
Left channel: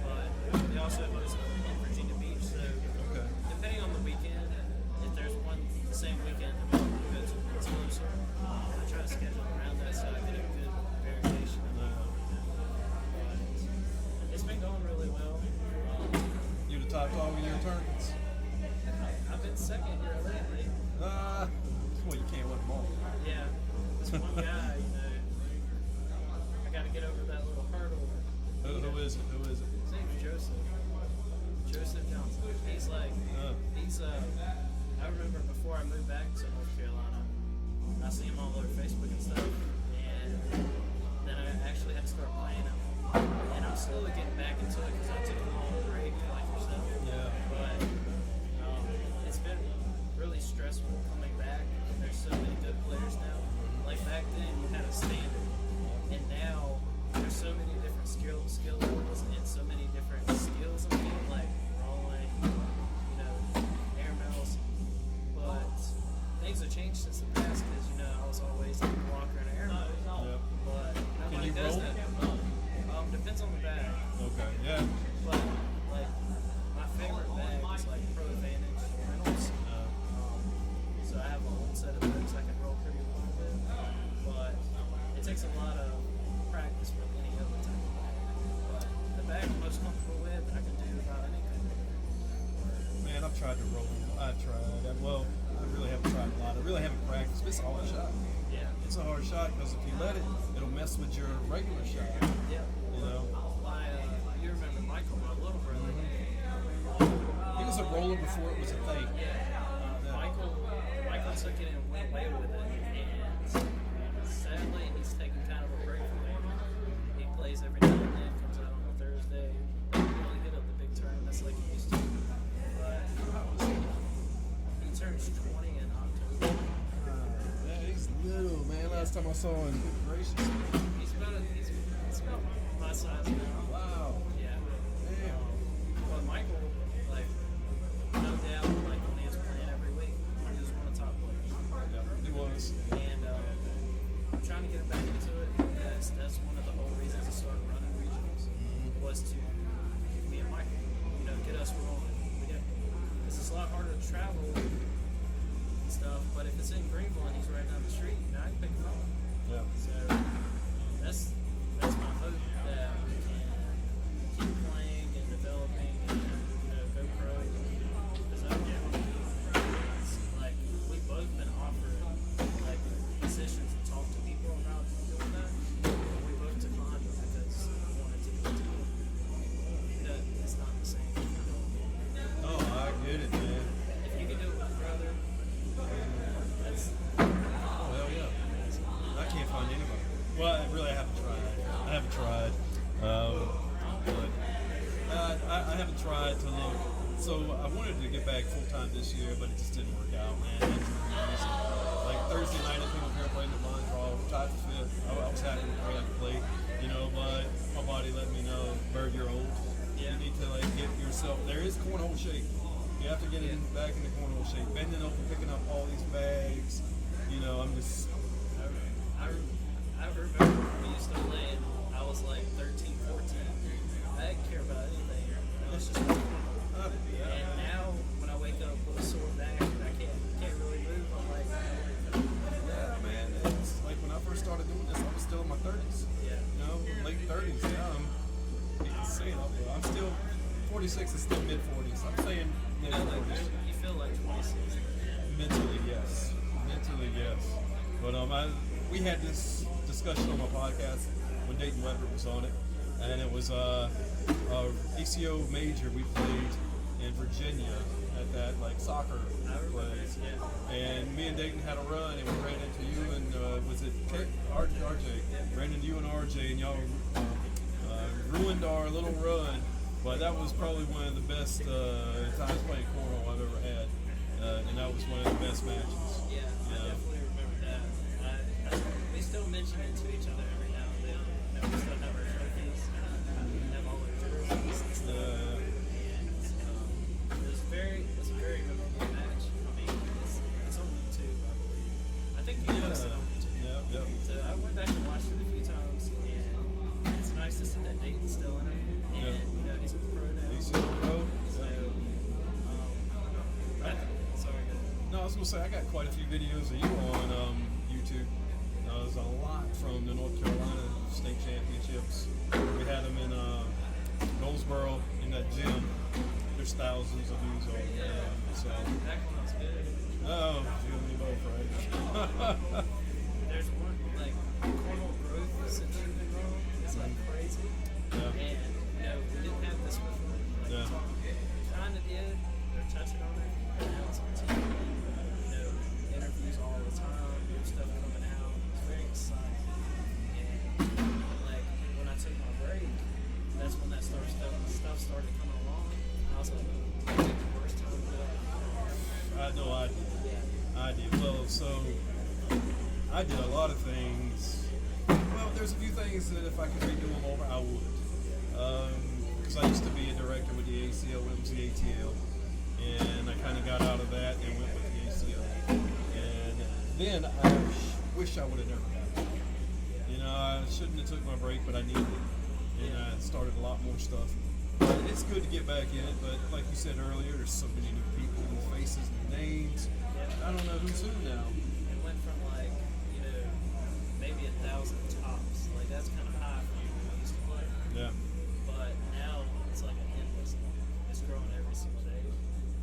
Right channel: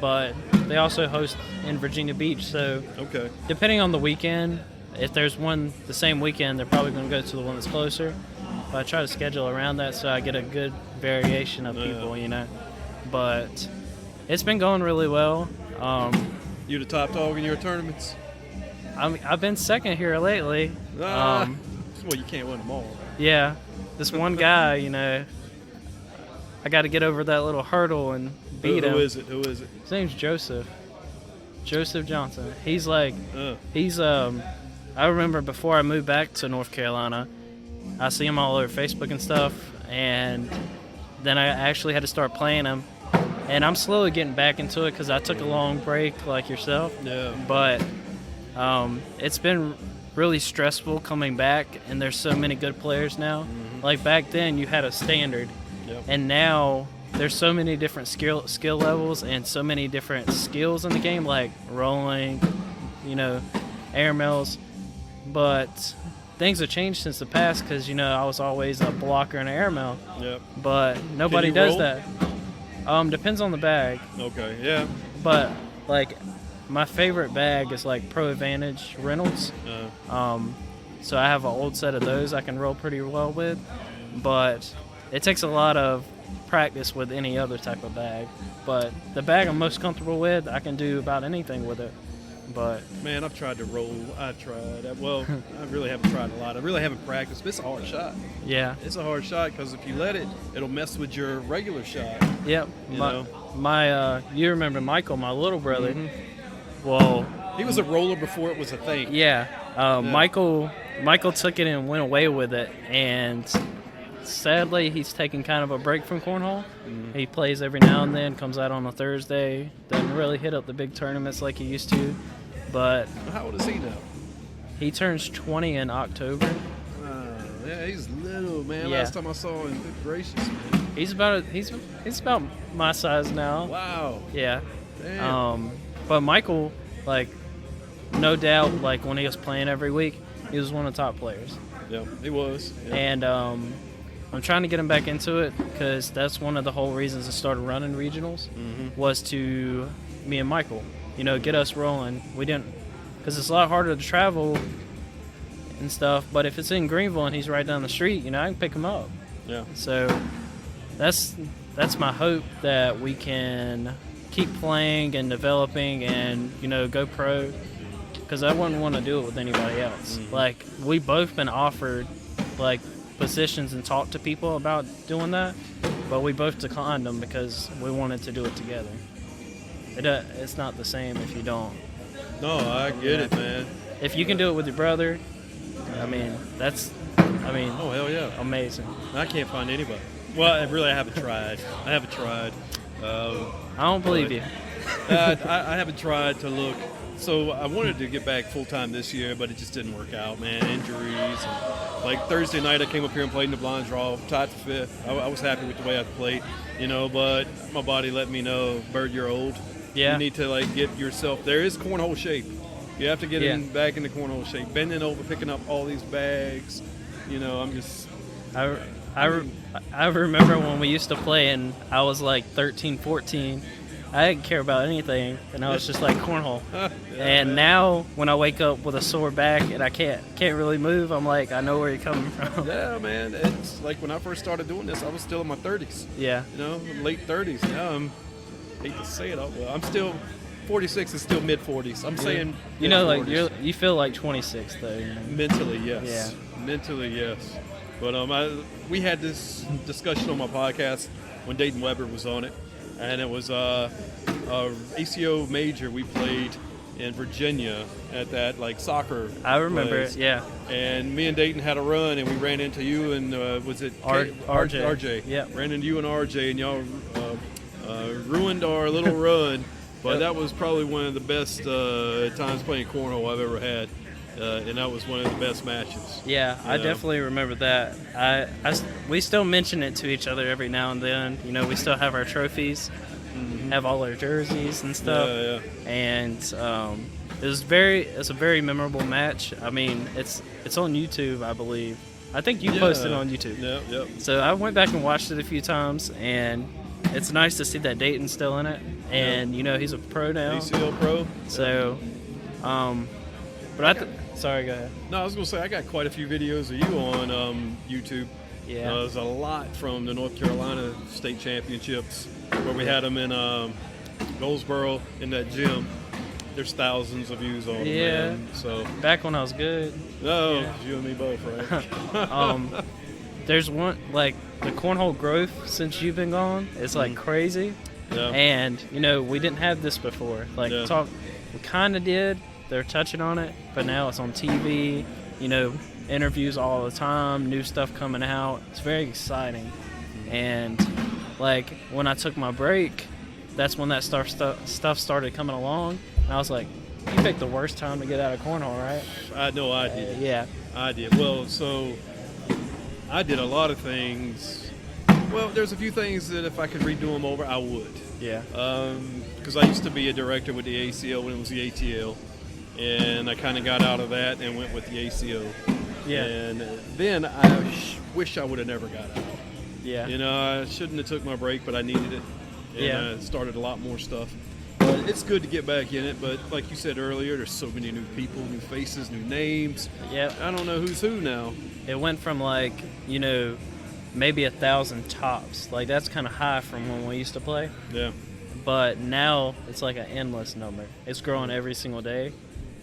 but they also host in Virginia Beach. So depending on the weekend, if there's one the same weekend, they're probably going to go to the one that's closer. But I try to schedule around that so I get a good variation of people, But it's been going really well. You the top dog in your tournaments? I've been second here lately. Well, you can't win them all. Yeah. This one guy, I got to get over that little hurdle and beat him. Who is it? His name's Joseph. Joseph Johnson. He's like, I remember before I moved back to North Carolina, I see them all over Facebook and stuff, and then I actually had to start playing them. And I'm slowly getting back into it because I took a long break like yourself. Yeah. But it's been really stressful coming back, and there's so many good players now. Like back then, you had a standard, and now there's so many different skill levels and so many different skills in the game, like rolling, air mails. But things have changed since the past because, I was always a blocker and an air mail. Yep. But nobody does roll? that. Depends on the bag. Okay, yeah. But, like, my favorite bag is, like, Pro Advantage Reynolds. So I have an old set of those I can roll pretty well with. But it takes a lot of practice with any other type of bag. But the bag I'm most comfortable with, I can do about anything with it. But man, I've tried to roll. I really haven't tried a lot. I really haven't practiced, but it's a hard shot. Yeah. It's a hard shot because if you let it, it'll mess with your regular shot. Yep. You remember Michael, my little brother? Mm-hmm. Well, he was a roller before it was a thing. Yeah. Michael took it and went away with it, and sadly, he's taking kind of a break from cornhole. Mm-hmm. He plays every now and then, comes out on a Thursday, doesn't really hit up the big tournaments like he used to. But how old is he now? He turns 20 in October. Yeah, he's little, man. Yeah. Last time I saw him, good gracious. He's about my size now. Wow. Yeah. Damn. But Michael, like, no doubt, like when he was playing every week, he was one of the top players. Yeah, he was. Yeah. And I'm trying to get him back into it because that's one of the whole reasons I started running regionals was to me and Michael, get us rolling. We didn't, because it's a lot harder to travel and stuff. But if it's in Greenville and he's right down the street, I can pick him up. Yeah. So that's my hope that we can keep playing and developing and go pro. Because I wouldn't want to do it with anybody else. Like, we've both been offered, like, positions and talked to people about doing that, but we both declined them because we wanted to do it together. It's not the same if you don't. No, I get it, man. If you can do it with your brother, oh, hell yeah. Amazing. I can't find anybody. Well, I haven't tried. I don't believe you. I haven't tried to look. So I wanted to get back full-time this year, but it just didn't work out, man. Injuries. Like Thursday night, I came up here and played in the blind draw, tied for fifth. I was happy with the way I played, but my body let me know, Bird, you're old. Yeah. You need to, get yourself. There is cornhole shape. You have to get back into cornhole shape. Bending over, picking up all these bags. I'm just... I remember when we used to play and I was like 13, 14. I didn't care about anything, and I was just like cornhole. And now, when I wake up with a sore back and I can't really move, I'm like, I know where you're coming from. Yeah, man. It's like when I first started doing this, I was still in my 30s. Yeah. Late 30s. Now I hate to say it, I'm still 46 and still mid 40s. I'm saying, like you feel like 26 though. Mentally, yes. Yeah. Mentally, yes. But we had this discussion on my podcast when Dayton Weber was on it. And it was ACO major we played in Virginia at that soccer. I remember place. it, yeah. And me and Dayton had a run, and we ran into you and was it RJ? RJ. Yeah. Ran into you and RJ, and y'all ruined our little run. But that was probably one of the best times playing cornhole I've ever had. And that was one of the best matches. Yeah, I definitely remember that. We still mention it to each other every now and then. We still have our trophies, have all our jerseys and stuff. Yeah. And it's a very memorable match. I mean, it's on YouTube, I believe. I think you posted it on YouTube. Yeah. So I went back and watched it a few times, and it's nice to see that Dayton's still in it. And he's a pro now. CCL pro. So, sorry, go ahead. No, I was going to say, I got quite a few videos of you on YouTube. Yeah. There's a lot from the North Carolina State Championships where we had them in Roxboro in that gym. There's thousands of views on them. Yeah. Man. So back when I was good. No, you and me both, right? There's one, the cornhole growth since you've been gone is crazy. Yeah. And, we didn't have this before. We kind of did. They're touching on it, but now it's on TV, in interviews all the time, new stuff coming out. It's very exciting. And like when I took my break, that's when that stuff started coming along. And I was like, you picked the worst time to get out of cornhole, right? I know I did. Yeah. I did. Well, so I did a lot of things. Well, there's a few things that if I could redo them over, I would. Yeah. Because I used to be a director with the ACL when it was the ATL. And I kind of got out of that and went with the ACO. Yeah. And then I wish I would have never got out. Yeah. You know, I shouldn't have took my break, but I needed it. And Yeah. I started a lot more stuff. But it's good to get back in it. But like you said earlier, there's so many new people, new faces, new names. Yep. I don't know who's who now. It went from like, you know, maybe 1,000 tops. Like that's kind of high from when we used to play. Yeah. But now it's like an endless number. It's growing every single day.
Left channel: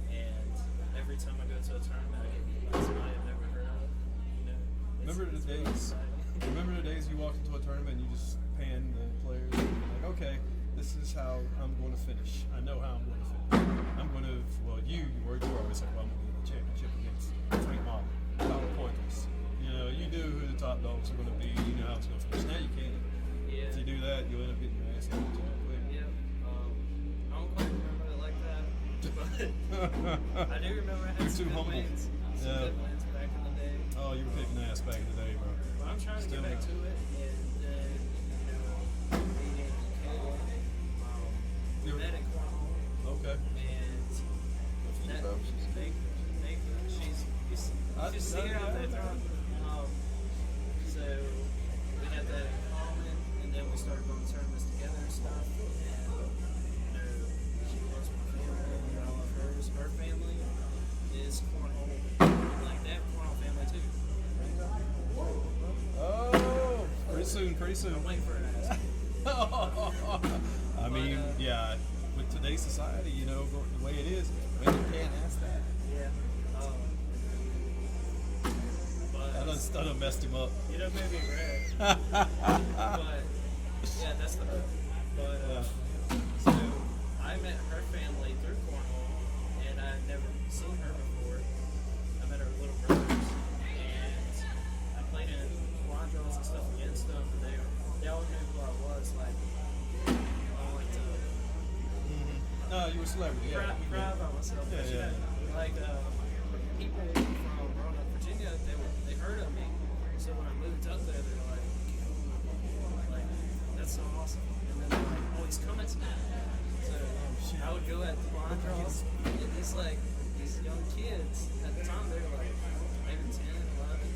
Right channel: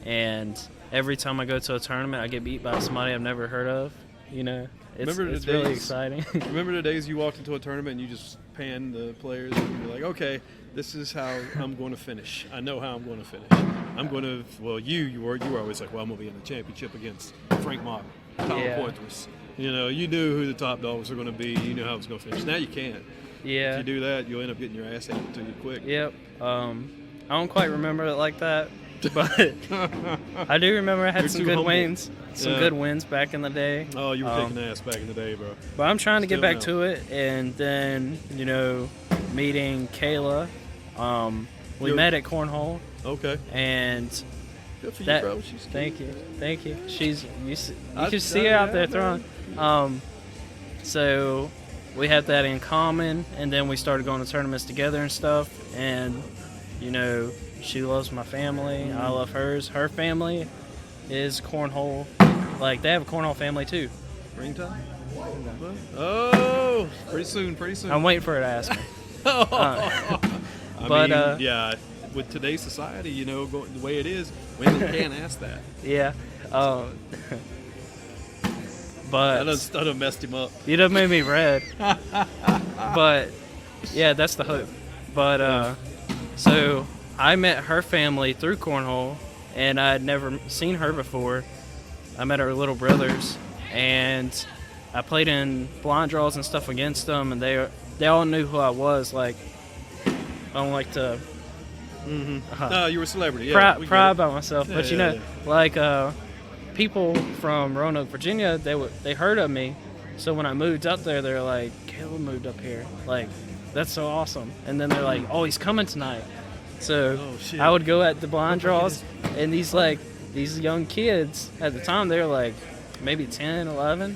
And every time I go to a tournament, I get beat by somebody I've never heard of. You know, it's really exciting. Remember the days you walked into a tournament and you just panned the players and you're like, okay, this is how I'm going to finish. I know how I'm going to finish. I'm going to, well, you were always like, well, I'm going to be in the championship against Frank Mock, Tyler Yeah. Poitras. You know, you knew who the top dogs were going to be. You knew how it was going to finish. Now you can't. Yeah. If you do that, you'll end up getting your ass handed to you quick. Yep. I don't quite remember it like that, but I do remember I had You're some too good humble. wins. Some Yeah. good wins back in the day. Oh, you were kicking ass back in the day, bro. But I'm trying to get Still back now. to it, and then, you know, meeting Kayla. We You're- met at Cornhole, Okay. and Good for that. you, bro. She's Thank you. She's you I- can see her out there yeah, throwing. So we had that in common, and then we started going to tournaments together and stuff. And you know, she loves my family. I love hers. Her family is cornhole. Like they have a cornhole family too. Springtime? Oh, pretty soon. I'm waiting for her to ask me. I but, mean, yeah, with today's society, you know, the way it is, women can't ask that. Yeah. But I done messed him up. you done made me red. But yeah, that's the hope. But so I met her family through cornhole, and I'd never seen her before. I met her little brothers, and I played in blind draws and stuff against them, and they all knew who I was. Like I don't like to No, you were a celebrity. Yeah, we get pride it. about myself, but you Yeah, know, like people from Roanoke, Virginia, they heard of me. So when I moved up there, they're like, "Caleb moved up here. Like, that's so awesome." And then they're like, "Oh, he's coming tonight." So Oh, shit. I would go at the blind draws, and these young kids at the time, they were like maybe 10, 11,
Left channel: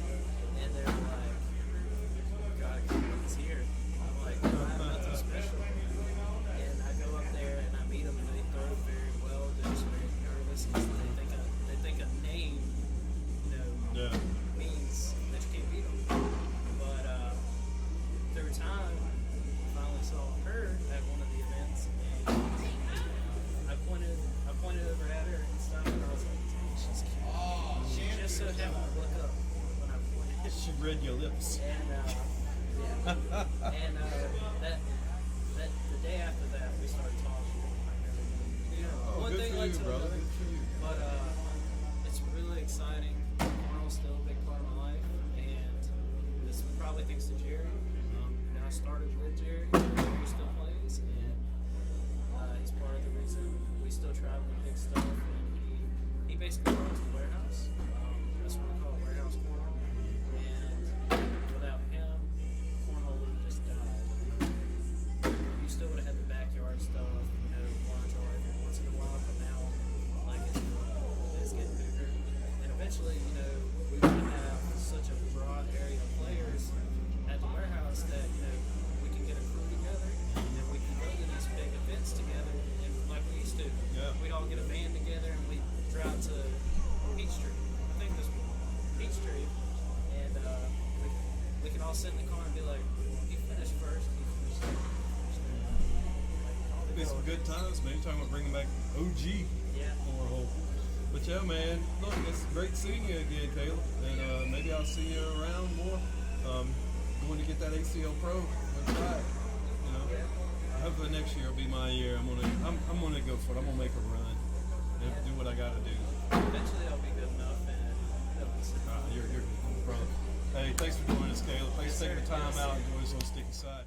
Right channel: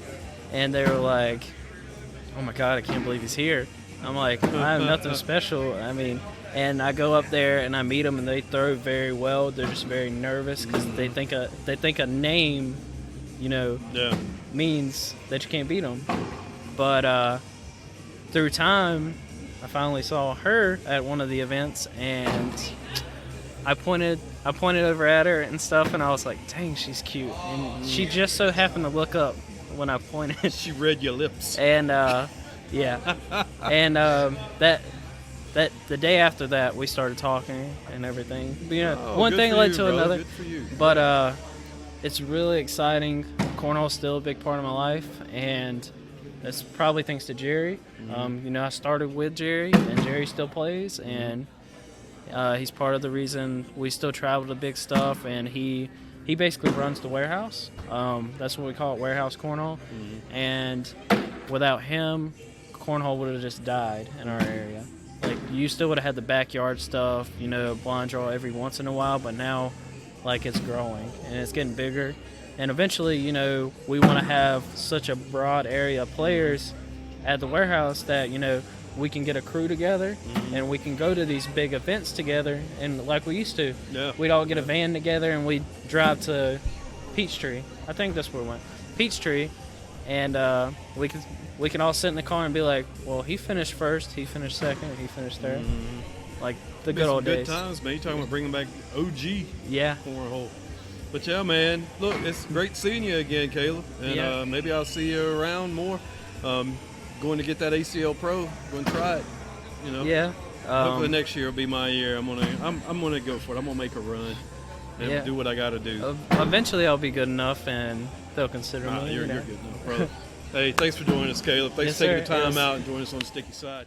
and they were like, "Oh my God, I can't believe he's here." I'm like, I have nothing special. I mean, and I go up there and I meet them, and they throw very well. They're just very nervous because they think a name, you know, Yeah. means that you can't beat them. But through time, I finally saw her at one of the events, and I pointed over at her and stuff, and I was like, "Dang, she's cute." And she just so happened to look up when I pointed. She read your lips. And yeah, and that the day after that we started talking and everything. But, you know, Oh, one good thing for led you, to bro. another. Good for you. But it's really exciting. Cornhole's still a big part of my life, and that's probably thanks to Jerry. You know, I started with Jerry, and Jerry still plays, and he's part of the reason we still travel to big stuff. And he basically runs the warehouse. That's what we call it, warehouse cornhole. And without him, cornhole would have just died in our area. Like, you still would have had the backyard stuff, you know, blind draw every once in a while, but now, like, it's growing and it's getting bigger. And eventually, you know, we want to have such a broad area of players at the warehouse that, you know, we can get a crew together and we can go to these big events together, and like we used to. Yeah. We'd all get a van together and we'd drive to Peachtree. I think that's where we went. Peachtree, and we can all sit in the car and be like, well, he finished first, he finished second, and he finished third. Like the good old Good days. times, man. You talking about bringing back OG Yeah. cornhole. But yeah, man. Look, it's great seeing you again, Caleb. And Yeah. maybe I'll see you around more. Going to get that ACL Pro. Going to try it. You know. Yeah. Hopefully next year will be my year. I'm gonna go for it. I'm gonna make a run and Yeah. do what I gotta do. Eventually I'll be good enough, and they'll consider me. You're good, no, brother. Hey, thanks for joining us, Caleb. Thanks for taking the time out and joining us on the sticky side.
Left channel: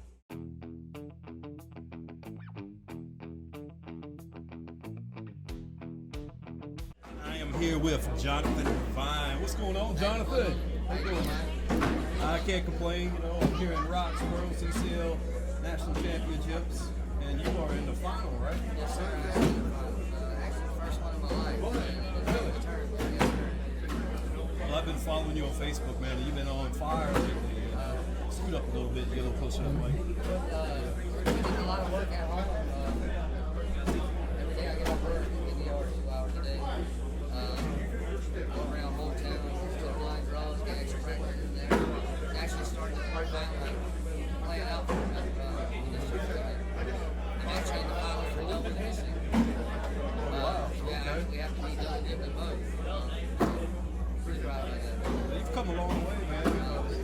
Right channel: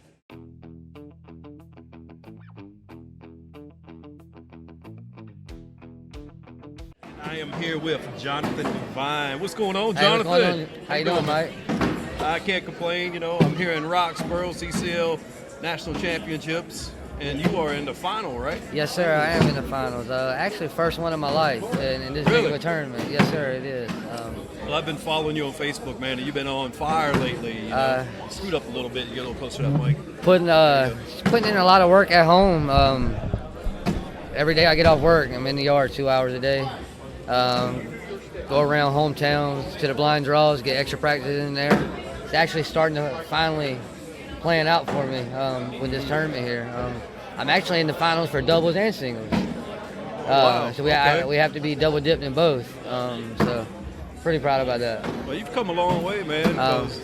I am here with Jonathan Devine. What's going on, Jonathan? Hey, what's going on? How you doing, Mike? I can't complain. You know, I'm here in Roxboro, CCL National Championships, and you are in the final, right? Yes, sir. I am in the finals. Actually, first one of my life in this big of a tournament. Yes, sir. It is. Well, I've been following you on Facebook, man, and you've been on fire lately. You know, scoot up a little bit. You get a little closer to that mic. Putting in a lot of work at home. Every day I get off work, I'm in the yard 2 hours a day. Go around hometowns to the blind draws, get extra practice in there. It's actually starting to finally plan out for me with this tournament here. I'm actually in the finals for doubles and singles. Wow. So we have to be double dipped in both. So pretty proud about that. Well, you've come a long way, man. Because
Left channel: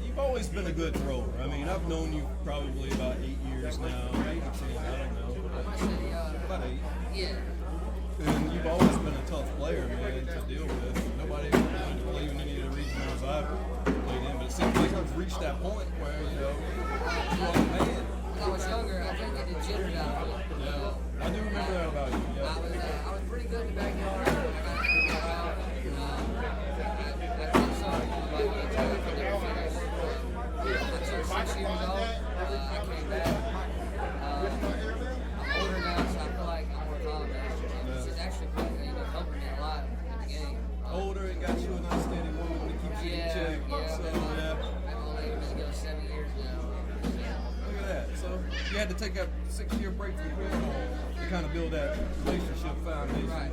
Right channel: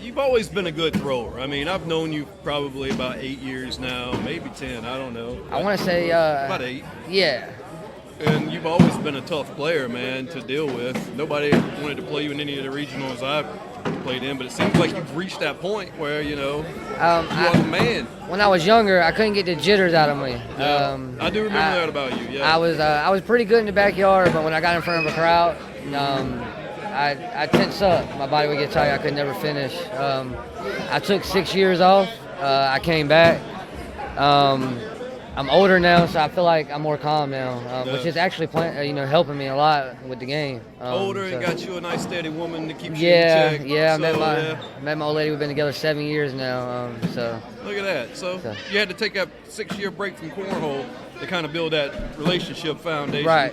you've always been a good thrower. I mean, I've known you probably about 8 years now, maybe 10. I don't know. I want to say about 8. Yeah. And you've always been a tough player, man, to deal with. Nobody wanted to play you in any of the regionals I've played in, but it seems like you've reached that point where, you know, you are the man. When I was younger, I couldn't get the jitters out of me. Yeah, I do remember that about you, yeah. I was pretty good in the backyard, but when I got in front of a crowd, I tense up. My body would get tired. I could never finish. I took 6 years off. I came back. I'm older now, so I feel like I'm more calm now, which is actually helping me a lot with the game. Older and got you a nice steady woman to keep you in check. Yeah, I met my old lady. We've been together 7 years now. So look at that. So you had to take a 6-year break from Cornhole to kind of build that relationship foundation. Right.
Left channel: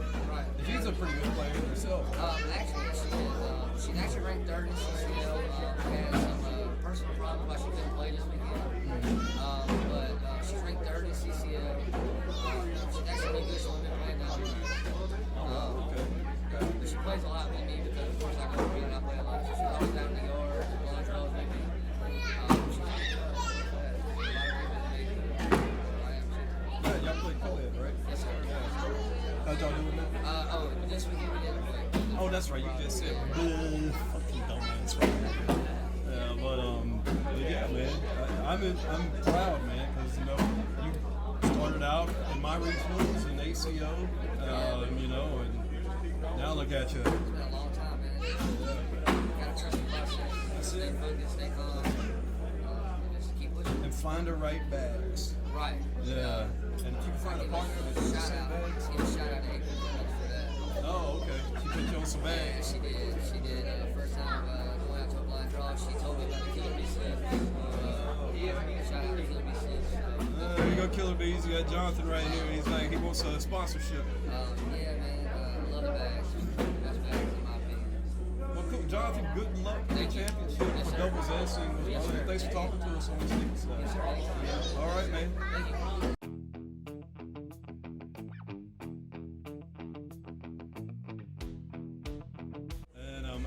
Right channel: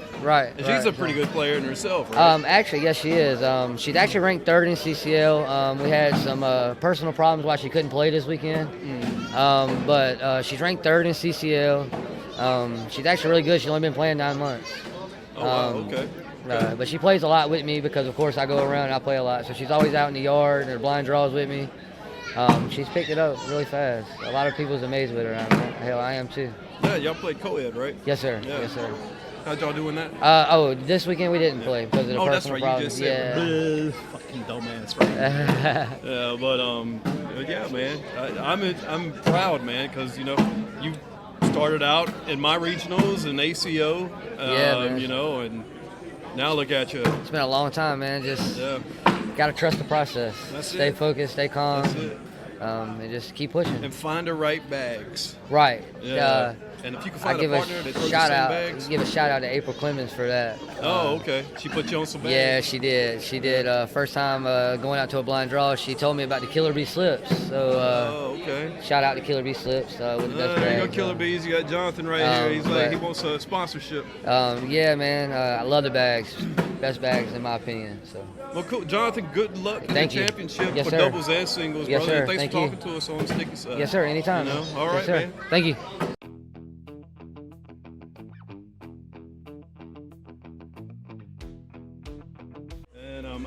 And she's a pretty good player in herself, right? Actually, yes, she is. She's actually ranked 3rd in CCL. We had some personal problems why she couldn't play this weekend. But she's ranked 3rd in CCL. She's actually really good. She's only been playing 9 months. Oh, wow, okay. But she plays a lot with me because, of course, I go around and I play a lot. So she's always out in the yard and her blind draws with me. She's picked it up really fast. A lot of people's amazed with her. Hell, I am too. Yeah, y'all played co-ed, right? Yes, sir. Yeah. Yes, sir. How'd y'all doing that? This weekend we didn't play because of the personal problems. You just said, fucking dumbass, right? Yeah, but yeah, man, I'm proud, man, because you know you started out in my regionals and ACO, man. You know, and now look at you. It's been a long time, man. Just gotta trust the process. Stay focused, stay calm, and just keep pushing. And find the right bags. Right. Yeah. And if you can find a partner that throws the same bags. Give a shout out to April Clemens for that. Oh, okay. She put you on some bags. Yeah, she did. She did. First time going out to a blind draw, she told me about the Killer Bee slips. So okay. Shout out to Killer Bee slips with the best there you bag. go, Killer Bees. You got Jonathan right here. He's like, he wants a sponsorship. Yeah, man. I love the bags. Best bags in my opinion. So. Well, cool. Jonathan, good luck in the championship for doubles and singles, yes, brother. Sir. Thanks for talking to us on the sticky side. Yes, sir. Anytime. You know? All right, yes, man. Thank you.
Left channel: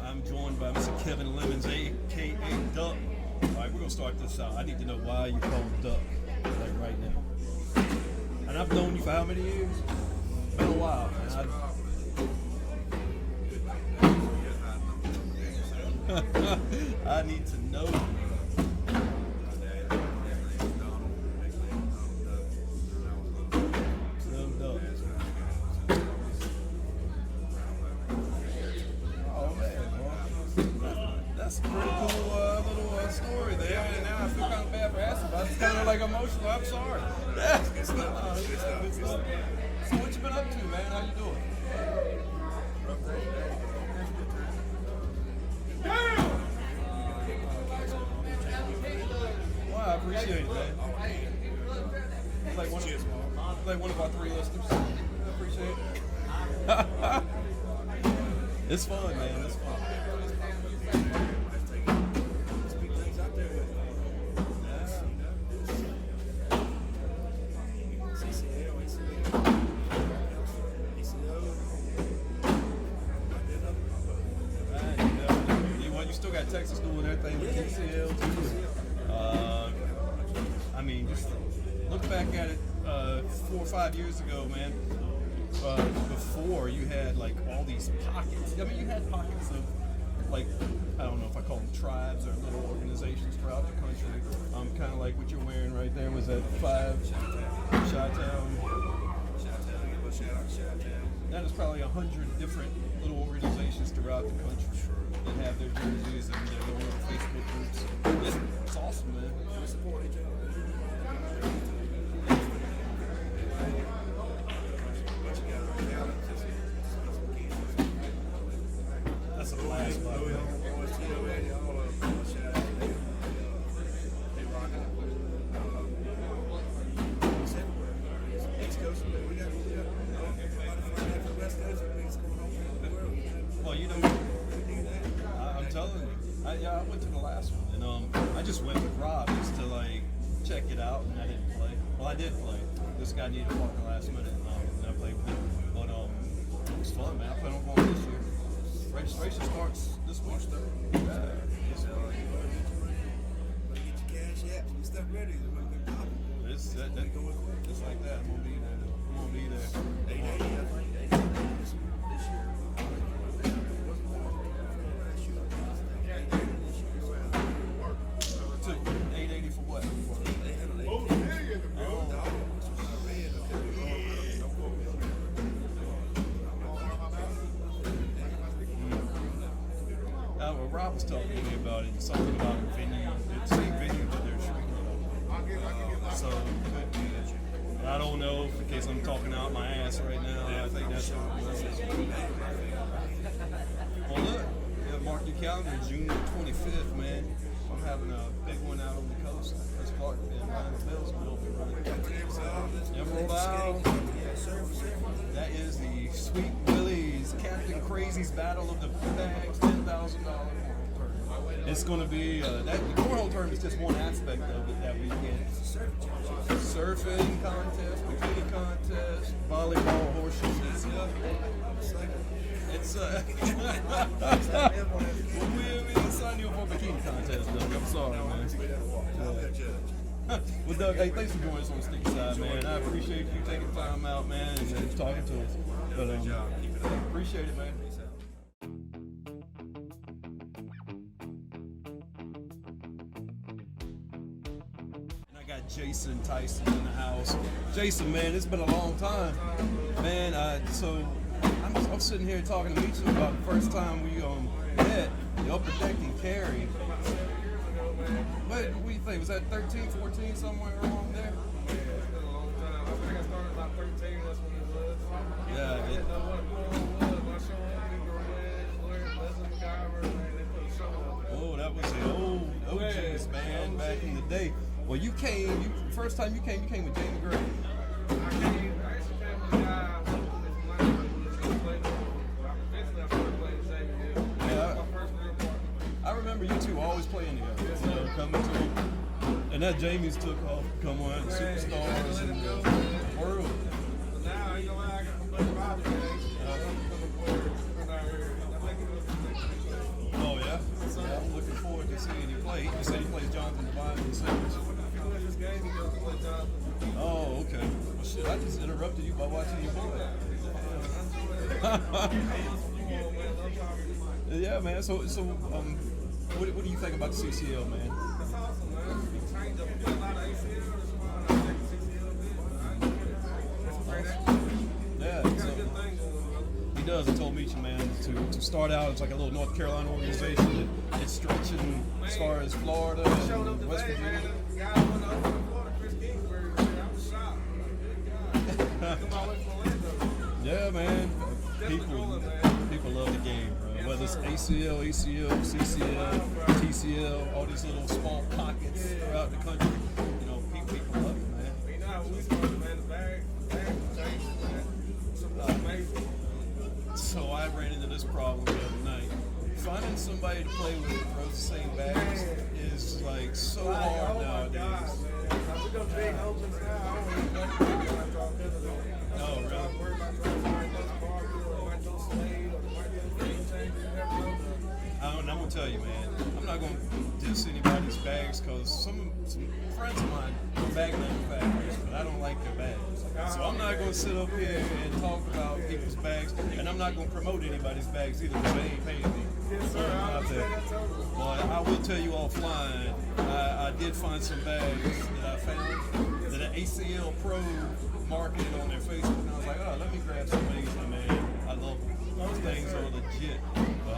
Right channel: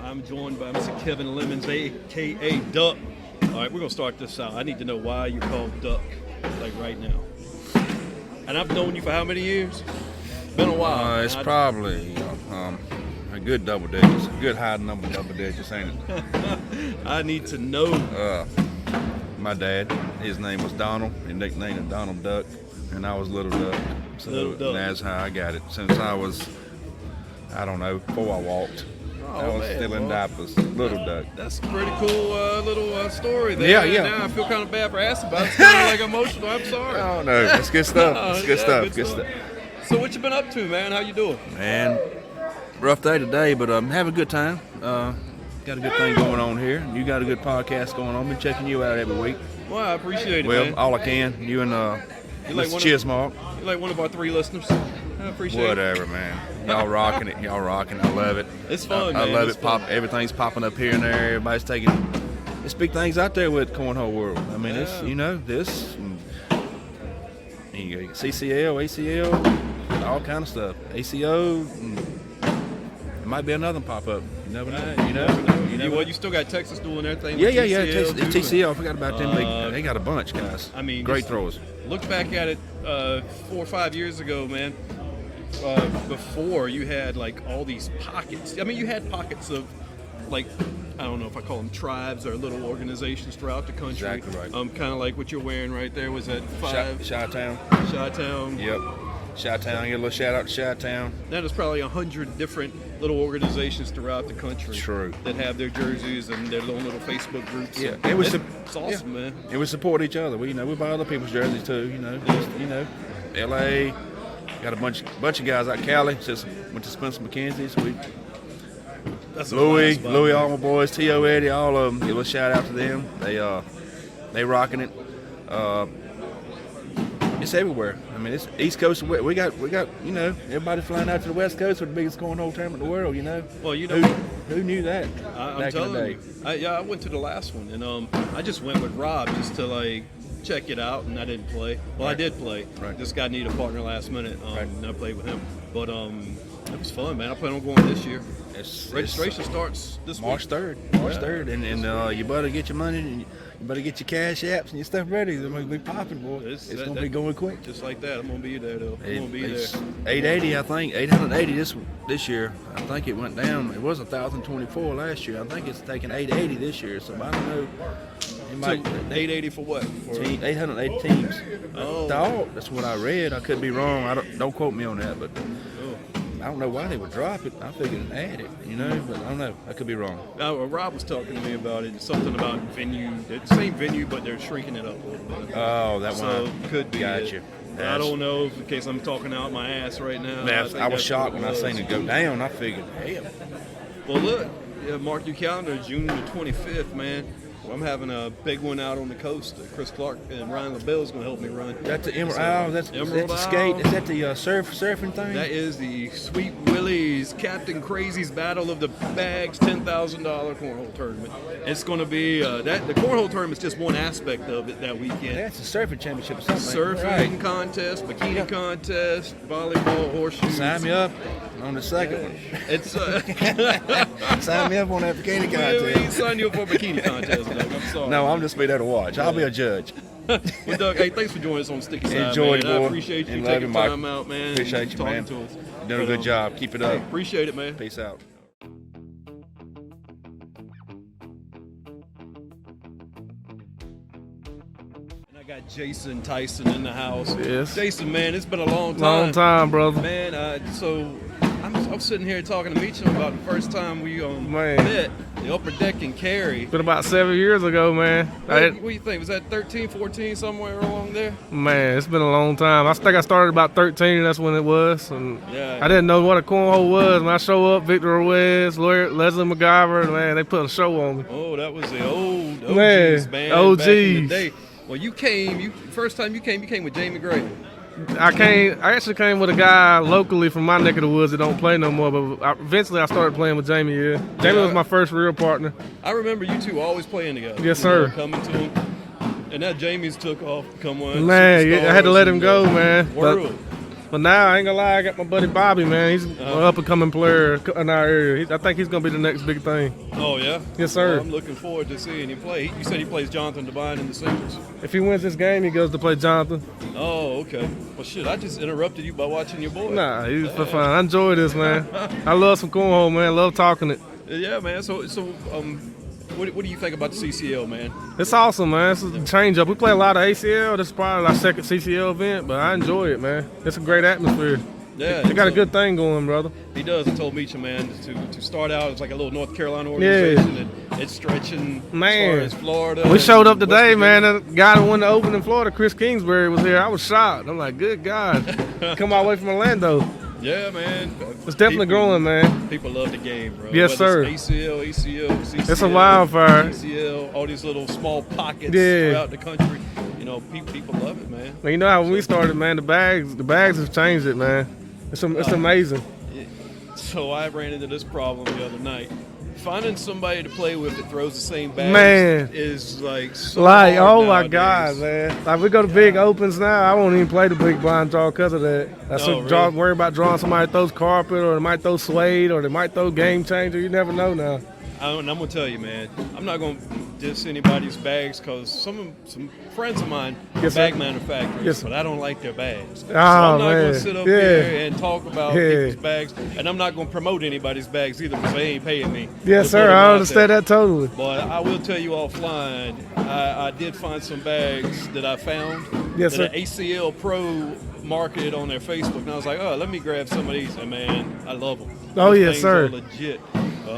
I'm joined by Mr. Kevin Lemons, a.k.a. Duck. All right, we're going to start this out. I need to know why you're called Duck, like right now. And I've known you for how many years? Been a while. It's probably a good double digits, a good high number double digits, ain't it? I need to know. My dad, his name was Donald. He nicknamed him Donald Duck, and I was Little Duck. So Little Duck. That's how I got it since I was, I don't know, before I walked. I was still in diapers, Little Duck. That's a pretty cool little story there. Yeah. Now I feel kind of bad for asking about it. It's kind of like emotional. I'm sorry. Oh, no, that's good stuff. It's good stuff. Good stuff. So what you been up to, man? How you doing? Man, rough day today, but have a good time. Got a good thing going on here. You got a good podcast going on. Been checking you out every week. Well, I appreciate it, Well, man. all I can. You and Mr. Chismark. You're like one of our 3 listeners. I appreciate it. Whatever, man. Y'all rocking it. Y'all rocking it. I love it. It's fun, I man. love it's it. fun. Everything's popping up here and there. Everybody's taking. There's big things out there with Cornhole World. I mean, it's this. You got CCL, ACL, all kind of stuff. ACO. There might be another one pop up. You never know. You know. Well, you still got Texas doing their thing. Yeah. TCL, TCL. I forgot about them. They got a bunch, guys. I mean, great throwers. Look back at it 4 or 5 years ago, man. before you had like all these pockets. I mean, you had pockets of like, I don't know if I call them tribes or little organizations throughout the country. Exactly right. Kind of like what you're wearing right there. Was that 5? Chi-Town. Chi-Town. Yep. Chi-Town. Get a little shout out to Chi-Town. That is probably 100 different little organizations throughout the country. True. That have their jerseys and their little Facebook groups. Yeah, it's awesome, man. And we support each other. We buy other people's jerseys too. LA. Got a bunch of guys out Cali. Just went to Spencer McKenzie. So Louis, all my boys, T.O. Eddie, all of them. Give a shout out to them. They rocking it. It's everywhere. I mean, it's East Coast. We got everybody flying out to the West Coast for the biggest cornhole tournament in the world. Well, who knew that? I'm telling you. I went to the last one, and I just went with Rob just to like check it out, and I didn't play. Well, right. I did play. Right. This guy needed a partner last minute, and I played with him. But it was fun, man. I plan on going this year. Registration starts this March 3rd. March 3rd, and you better get your money and you better get your cash apps and your stuff ready. They're going to be popping, boy. It's going to be going quick. Just like that. I'm going to be there, though. I'm going to be there. 880, I think. 880 this year. I think it went down. It was 1,024 last year. I think it's taking 880 this year. So I don't know. It might 880 for what? 880 teams. Oh. That's what I read. I could be wrong. Don't quote me on that, but I don't know why they would drop it. I figured add it, but I don't know. I could be wrong. Rob was talking to me about it. Something about venue. It's the same venue, but they're shrinking it up. Oh, that one. So could be. Gotcha. I don't know, in case I'm talking out my ass right now. Man, I was shocked when I seen it go down. I figured, damn. Well, look, mark your calendar, June the 25th, man. I'm having a big one out on the coast. Chris Clark and Ryan LaBelle's going to help me run. That's the Emerald Isle. That's the skate. Is that the surfing thing? That is the Sweet Willie's Captain Crazy's Battle of the Bags $10,000 cornhole tournament. It's going to be the cornhole tournament is just one aspect of it that weekend. That's the surfing championship. Surfing contest, bikini contest, volleyball, horseshoe. Sign me up on the second one. It's sign me up on that bikini contest. We ain't sign you up for a bikini contest, Doug. I'm sorry. No, I'm just be there to watch. I'll be a judge. Well, Doug, hey, thanks for joining us on Sticky Side, Enjoy, man. boy. I appreciate you taking time out, man. Appreciate you, man. You're doing a good job. Keep it up. Appreciate it, man. Peace out. Jason Tyson in the house. Yes. Jason, man, it's been a long time. Long time, brother. Man, so I'm sitting here talking to Meacham about the first time we met, the upper deck in Cary. Been about 7 years ago, man. What do you think? Was that 13, 14, somewhere along there? Man, it's been a long time. I think I started about 13, that's when it was. And yeah. I didn't know what a cornhole was. When I show up, Victor Ruiz, Leslie McGyver, man, they put a show on me. Oh, that was the old OGs, man. OGs. Back in the day. Well, first time you came with Jamie Gray. I actually came with a guy locally from my neck of the woods that don't play no more, but eventually I started playing with Jamie, Jamie was my first real partner. I remember you two always playing together. Yes, sir. Coming to him. And that Jamie's took off to come on. Man, I had to let him go, man. World. But now, I ain't gonna lie, I got my buddy Bobby, man. He's an up-and-coming player in our area. I think he's gonna be the next big thing. Oh, yeah? Yes, sir. Well, I'm looking forward to seeing you play. You said he plays Jonathan Devine in the singles. If he wins this game, he goes to play Jonathan. Oh, okay. Well, shit, I just interrupted you by watching your boy. Nah, he's for fun. I enjoy this, man. I love some cornhole, man. I love talking it. Yeah, man. So what do you think about the CCL, man? It's awesome, man. It's a change up. We play a lot of ACL. This is probably our second CCL event, but I enjoy it, man. It's a great atmosphere. Yeah, they got a good thing going, brother. He does. I told Meacham, man, to start out, it's like a little North Carolina organization. Yeah. It's stretching man. As far as Florida. We showed up today, man. The guy that won the Open in Florida, Chris Kingsbury, was here. I was shocked. I'm like, good God. Come all the way from Orlando. Yeah, man. It's definitely growing, man. People love the game, bro. Yes, sir. ACL, CCL. It's a wildfire. CCL, all these little small pockets throughout the country. People love it, man. Well, you know how when we started, man, the bags have changed it, man. It's amazing. So I ran into this problem the other night. Finding somebody to play with that throws the same bags man. Is like so hard oh nowadays. My God, man. Like we go to big opens now, I won't even play the big blind draw because of that. Really? Worry about drawing somebody that throws carpet or they might throw suede or they might throw game changer. You never know now. I'm gonna tell you, man. I'm not gonna diss anybody's bags because some friends of mine are bag manufacturers, but I don't like their bags. So I'm not gonna sit up here and talk about people's bags, and I'm not gonna promote anybody's bags either because they ain't paying me. Yes, sir. I understand that totally. But I will tell you offline, I did find some bags that I found that an ACL Pro marketed on their Facebook, and I was like, oh, let me grab some of these, and man, I love them. Oh, These yes, sir. Legit.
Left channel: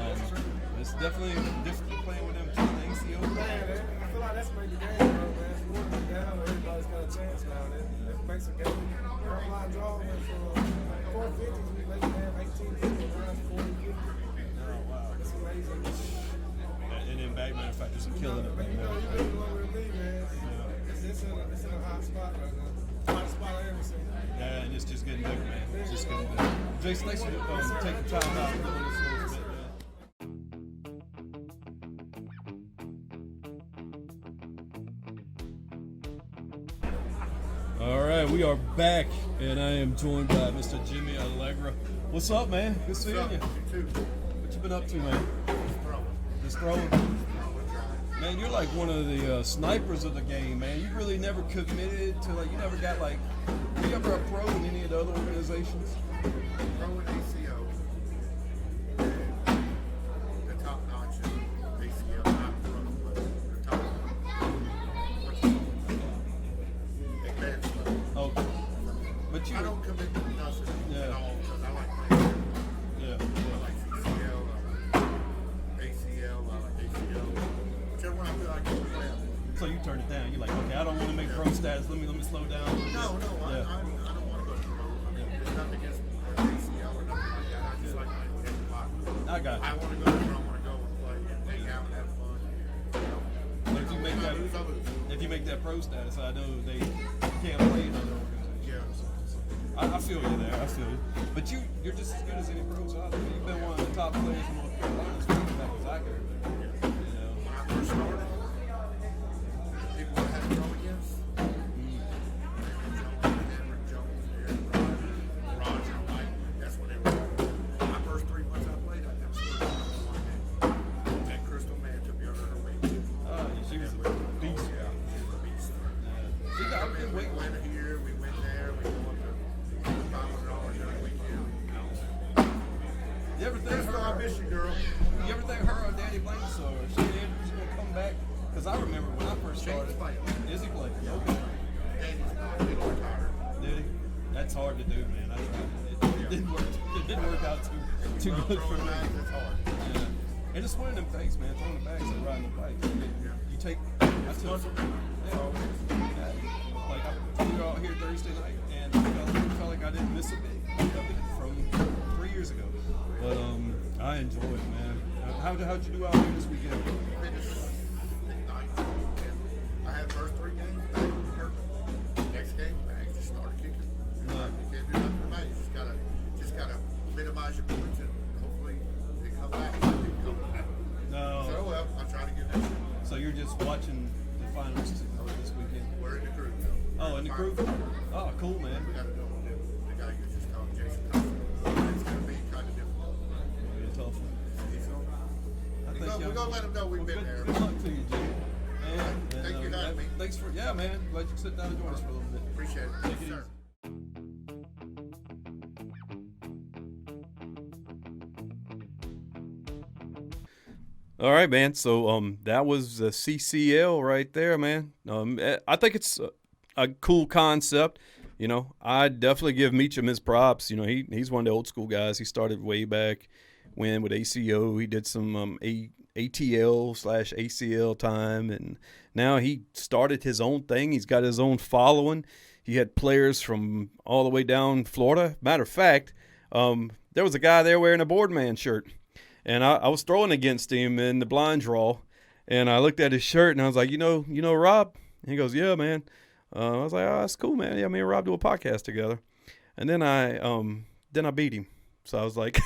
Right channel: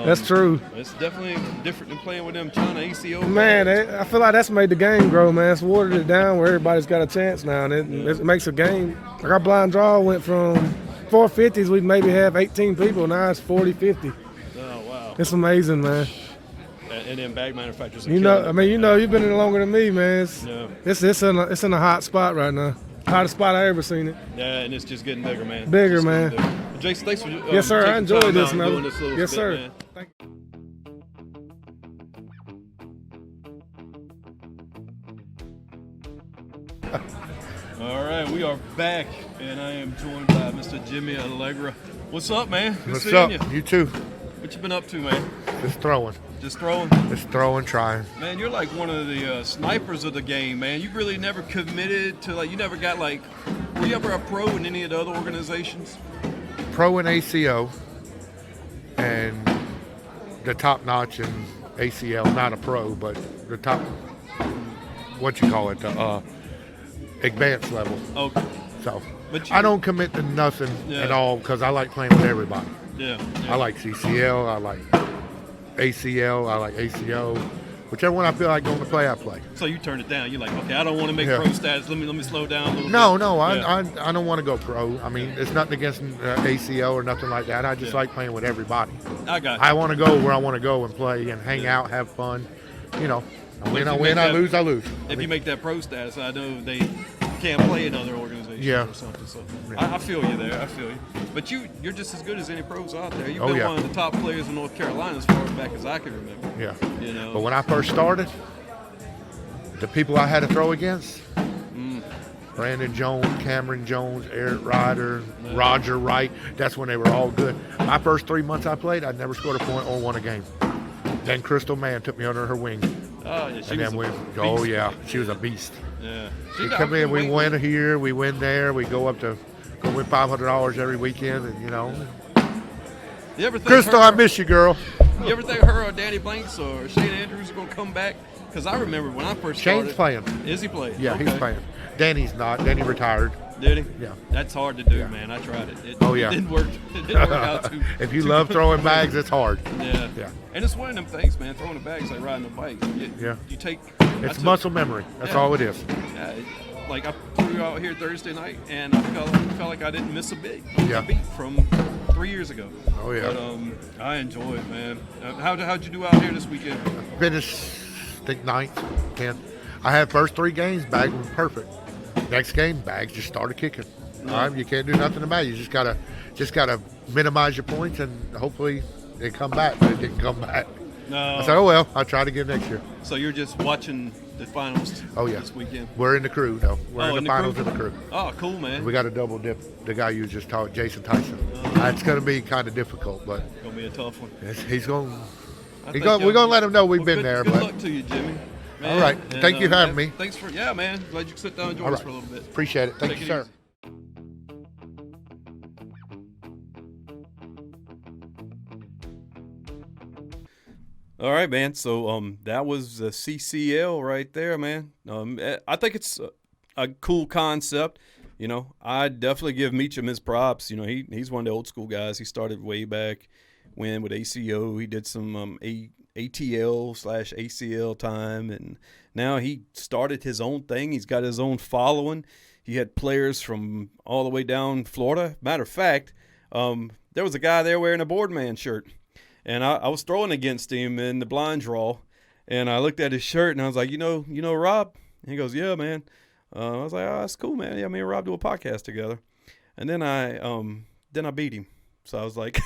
That's true. It's definitely different than playing with them China ACL. Man, I feel like that's made the game grow, man. It's watered it down where everybody's got a chance now, and it makes a game. Like our blind draw went from 450s, we'd maybe have 18 people. Now it's 40, 50. Oh, wow. It's amazing, man. And then bag manufacturers. You've been in it longer than me, man. It's in a hot spot right now. Hottest spot I ever seen it. Yeah, and it's just getting bigger, man. Bigger, man. Jason, thanks for yes, sir. I enjoyed this, man. Yes, sir. Man. Thank you. All right, we are back, and I am joined by Mr. Jimmy Allegra. What's up, man? Good What's seeing up? you. You too. What you been up to, man? Just throwing. Just throwing? Just throwing, trying. Man, you're like one of the snipers of the game, man. You really never committed to, like, you never got, like, were you ever a pro in any of the other organizations? Pro in ACO and the top notch in ACL, not a pro, but the top, what you call it, the advanced level. Okay. So I don't commit to nothing at all because I like playing with everybody. Yeah. I like CCL, I like ACL, I like ACO. Whichever one I feel like going to play, I play. So you turn it down. You're like, okay, I don't want to make pro status. Let me slow down a little bit. No, I don't want to go pro. I mean, it's nothing against ACO or nothing like that. I just like playing with everybody. I got you. I want to go where I want to go and play and hang out, have fun. You know, I win, I lose, I lose. If you make that pro status, I know they can't play in other organizations or something. So I feel you there. I feel you. But you're just as good as any pros out there. You've been one of the top players in North Carolina as far back as I can remember. Yeah. You know. But when I first started, the people I had to throw against, Brandon Jones, Cameron Jones, Eric Ryder, Roger Wright, that's when they were all good. My first 3 months I played, I never scored a point or won a game. Then Crystal Mann took me under her wing. Oh, yeah, she was a beast. Yeah. We come in, we win here, we win there, we go win $500 every weekend, and you know. You ever think Crystal, I miss you, girl. You ever think her or Danny Blanks or Shane Andrews are going to come back? Because I remember when I first started. Shane's playing. Is he playing? Yeah, he's playing. Danny's not. Danny retired. Did he? Yeah. That's hard to do, man. I tried it. It didn't work. It didn't work out too. If you love throwing bags, it's hard. Yeah. And it's one of them things, man. Throwing a bag's like riding a bike. You take. It's muscle memory. That's all it is. Like I flew out here Thursday night, and I felt like I didn't miss a beat from 3 years ago. Oh yeah. But I enjoy it, man. How'd you do out here this weekend? Finished, I think 9th, 10th. I had first 3 games, bags was perfect. Next game, bags just started kicking. All right, you can't do nothing about it. You just gotta minimize your points, and hopefully they come back. But it didn't come back. No. I said, oh well, I'll try to get next year. So you're just watching the finals this weekend? We're in the crew, though. We're in the finals in the crew. Oh, cool, man. We got to double dip the guy you just talked, Jason Tyson. It's going to be kind of difficult, but it's going to be a tough one. We're going to let him know we've been there. Good luck to you, Jimmy. Man, all right. Thank you for having me. Thanks for, man. Glad you could sit down and join us for a little bit. Appreciate it. Thank you, sir. All right, man. So that was the CCL right there, man. I think it's a cool concept. You know, I definitely give Meacham his props. You know, he's one of the old school guys. He started way back when with ACO. He did some ATL/ACL time, and now he started his own thing. He's got his own following. He had players from all the way down Florida. Matter of fact, there was a guy there wearing a Boardman shirt. And I was throwing against him in the blind draw, and I looked at his shirt, and I was like, you know Rob? And he goes, yeah, man. I was like, oh, that's cool, man. Yeah, me and Rob do a podcast together. And then I beat him. So I was like,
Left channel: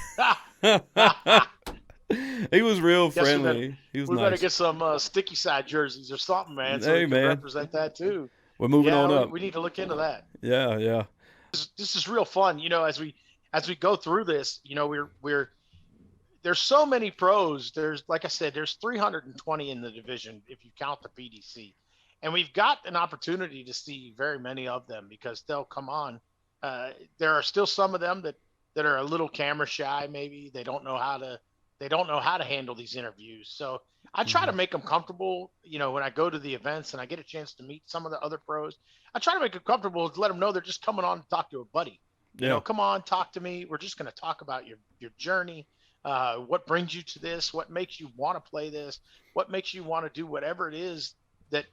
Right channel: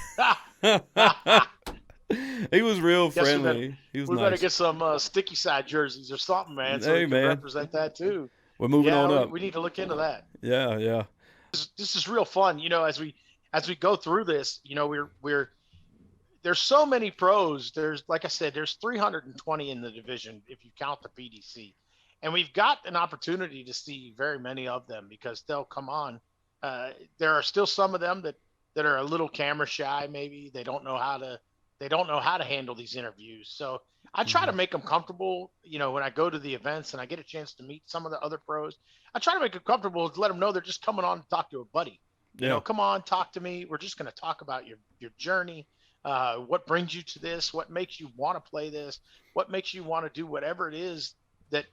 he was real friendly. He was nice. We better get some sticky side jerseys or something, man, so we can represent that too. We're moving on up. We need to look into that. Yeah. This is real fun. You know, as we go through this, you know, we're there's so many pros. There's, like I said, there's 320 in the division if you count the PDC, and we've got an opportunity to see very many of them because they'll come on. There are still some of them that are a little camera shy. Maybe they don't know how to handle these interviews. So I try to make them comfortable. You know, when I go to the events and I get a chance to meet some of the other pros, I try to make them comfortable to let them know they're just coming on to talk to a buddy. You know, come on, talk to me. We're just going to talk about your journey. What brings you to this? What makes you want to play this? What makes you want to do whatever it is that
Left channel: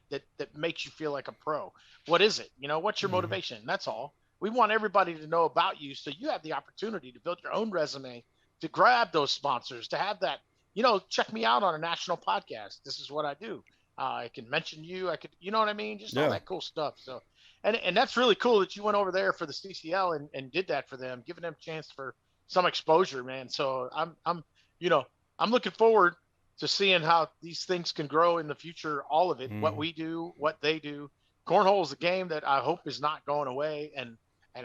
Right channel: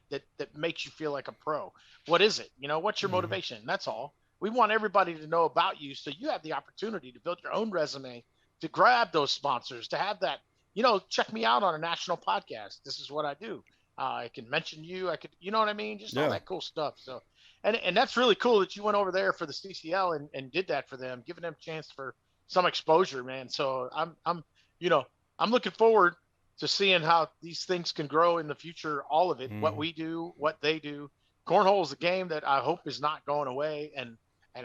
makes you feel like a pro? What is it? You know, what's your motivation? That's all. We want everybody to know about you so you have the opportunity to build your own resume, to grab those sponsors, to have that, you know, check me out on a national podcast. This is what I do. I can mention you. I could, you know what I mean? Just all that cool stuff. So, and that's really cool that you went over there for the CCL and did that for them, giving them a chance for some exposure, man. So I'm looking forward to seeing how these things can grow in the future. All of it, what we do, what they do. Cornhole is a game that I hope is not going away. And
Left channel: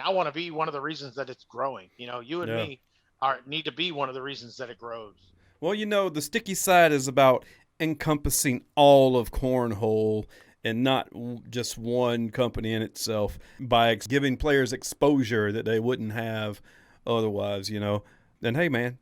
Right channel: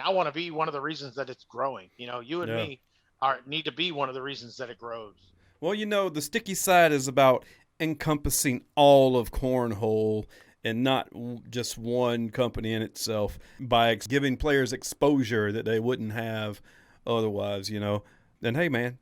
I want to be one of the reasons that it's growing. You know, you and me need to be one of the reasons that it grows. Well, you know, the sticky side is about encompassing all of Cornhole and not just one company in itself by giving players exposure that they wouldn't have otherwise, you know. Then, hey, man,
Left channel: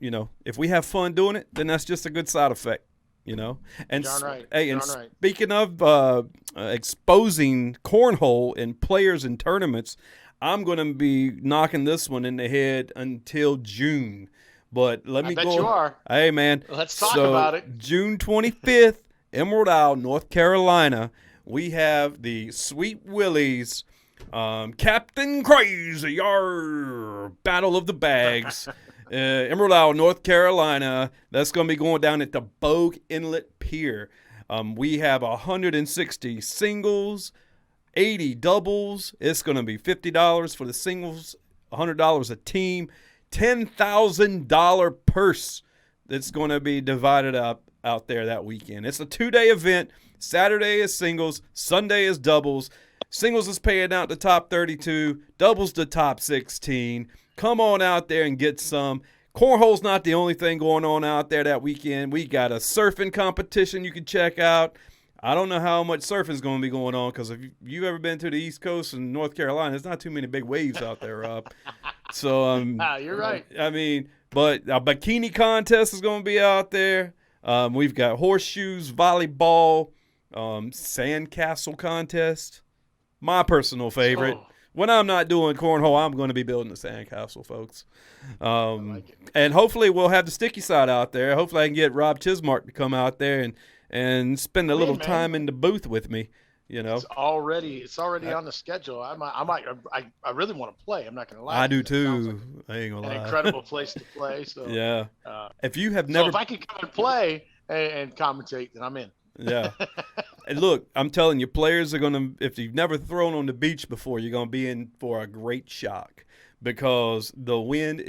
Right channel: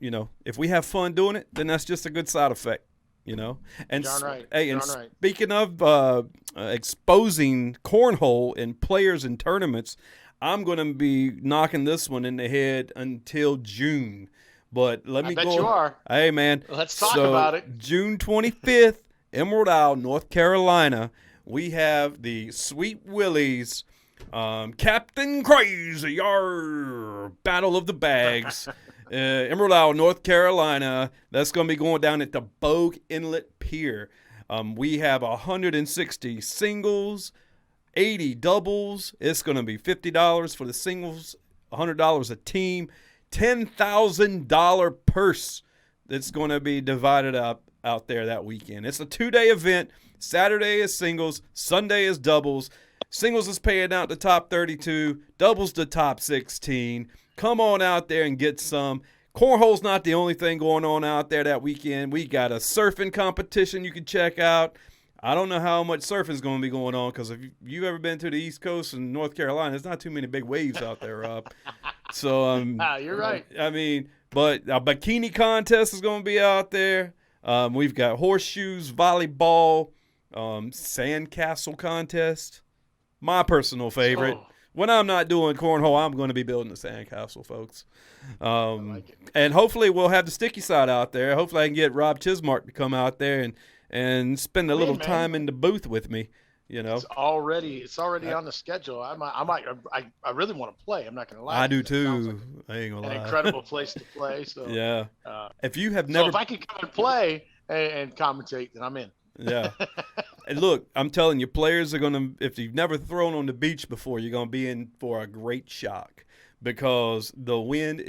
you know, if we have fun doing it, then that's just a good side effect, you know. And speaking of exposing Cornhole and players in tournaments, I'm going to be knocking this one in the head until June. But let me go. I bet you are. Hey, man. Let's talk about it. June 25th, Emerald Isle, North Carolina, we have the Sweet Willies, Captain Crazy, Battle of the Bags, Emerald Isle, North Carolina. That's going to be going down at the Bogue Inlet Pier. We have 160 singles, 80 doubles. It's going to be $50 for the singles, $100 a team, $10,000 purse that's going to be divided up out there that weekend. It's a 2-day event. Saturday is singles, Sunday is doubles. Singles is paying out the top 32, doubles the top 16. Come on out there and get some. Cornhole's not the only thing going on out there that weekend. We got a surfing competition you can check out. I don't know how much surfing is going to be going on because if you've ever been to the East Coast and North Carolina, there's not too many big waves out there, Rob. So you're right. I mean, but a bikini contest is going to be out there. We've got horseshoes, volleyball, sandcastle contest. My personal favorite. Oh. When I'm not doing cornhole, I'm going to be building a sandcastle, folks. I like it. And hopefully we'll have the sticky side out there. Hopefully I can get Rob Chismark to come out there and spend a little time in the booth with me. You know, it's already on the schedule. I really want to play. I'm not going to lie. I do too. I ain't gonna lie. An incredible place to play. So yeah. If you have if I can come and play and commentate, then I'm in. Yeah. And look, I'm telling you, players are gonna. If you've never thrown on the beach before, you're gonna be in for a great shock because the wind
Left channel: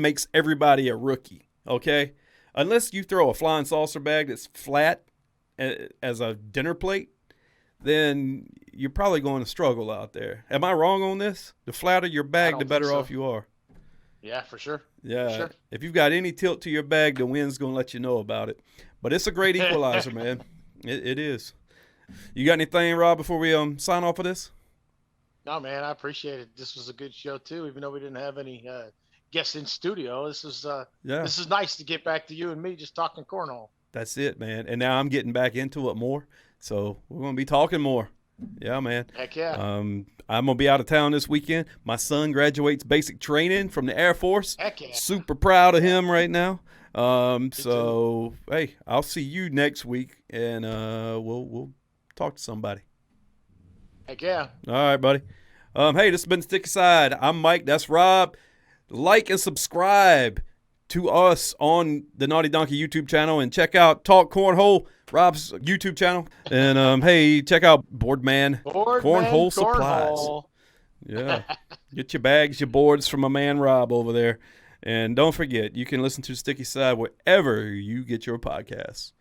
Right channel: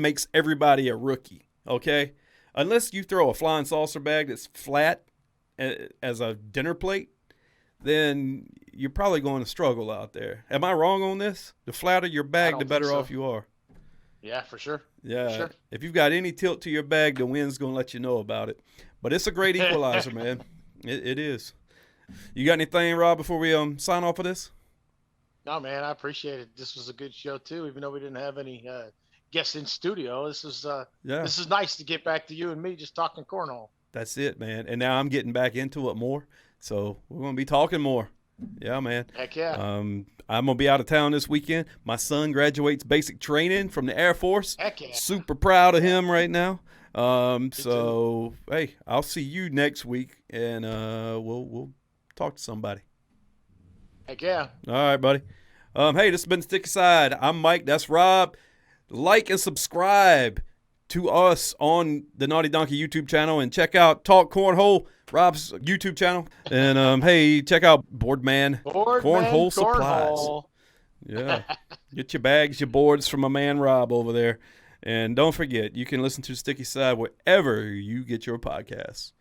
makes everybody a rookie. Okay, unless you throw a flying saucer bag that's flat as a dinner plate, then you're probably going to struggle out there. Am I wrong on this? The flatter your bag, the better off you are. Yeah, for sure. Yeah. For sure. If you've got any tilt to your bag, the wind's going to let you know about it. But it's a great equalizer, man. It is. You got anything, Rob, before we sign off of this? No, man, I appreciate it. This was a good show, too, even though we didn't have any guests in studio. This is nice to get back to you and me just talking cornhole. That's it, man. And now I'm getting back into it more. So we're going to be talking more. Yeah, man. Heck yeah. I'm going to be out of town this weekend. My son graduates basic training from the Air Force. Heck yeah. Super proud of him right now. So, hey, I'll see you next week, and we'll talk to somebody. Heck yeah. All right, buddy. Hey, this has been Sticky Side. I'm Mike. That's Rob. Like and subscribe to us on the Naughty Donkey YouTube channel, and check out Talk Cornhole, Rob's YouTube channel. And, hey, check out Boardman Cornhole Supplies. Yeah. Get your bags, your boards from my man Rob over there. And don't forget, you can listen to Sticky Side wherever you get your podcasts.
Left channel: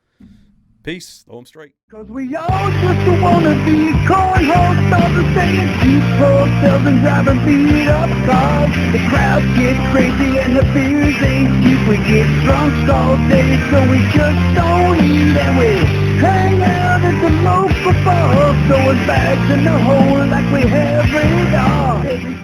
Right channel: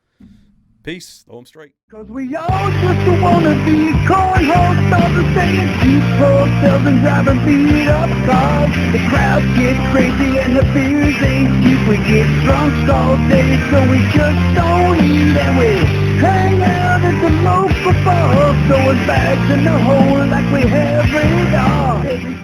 Peace. Throw 'em straight. Cause we all just wanna be cornhole stars saying keep ourselves and driving beat up cars. The crowd gets crazy and the beers ain't cheap. We get drunk all day so we just don't eat. And we hang out at the local bar, throwing bags in the hole like we have it all.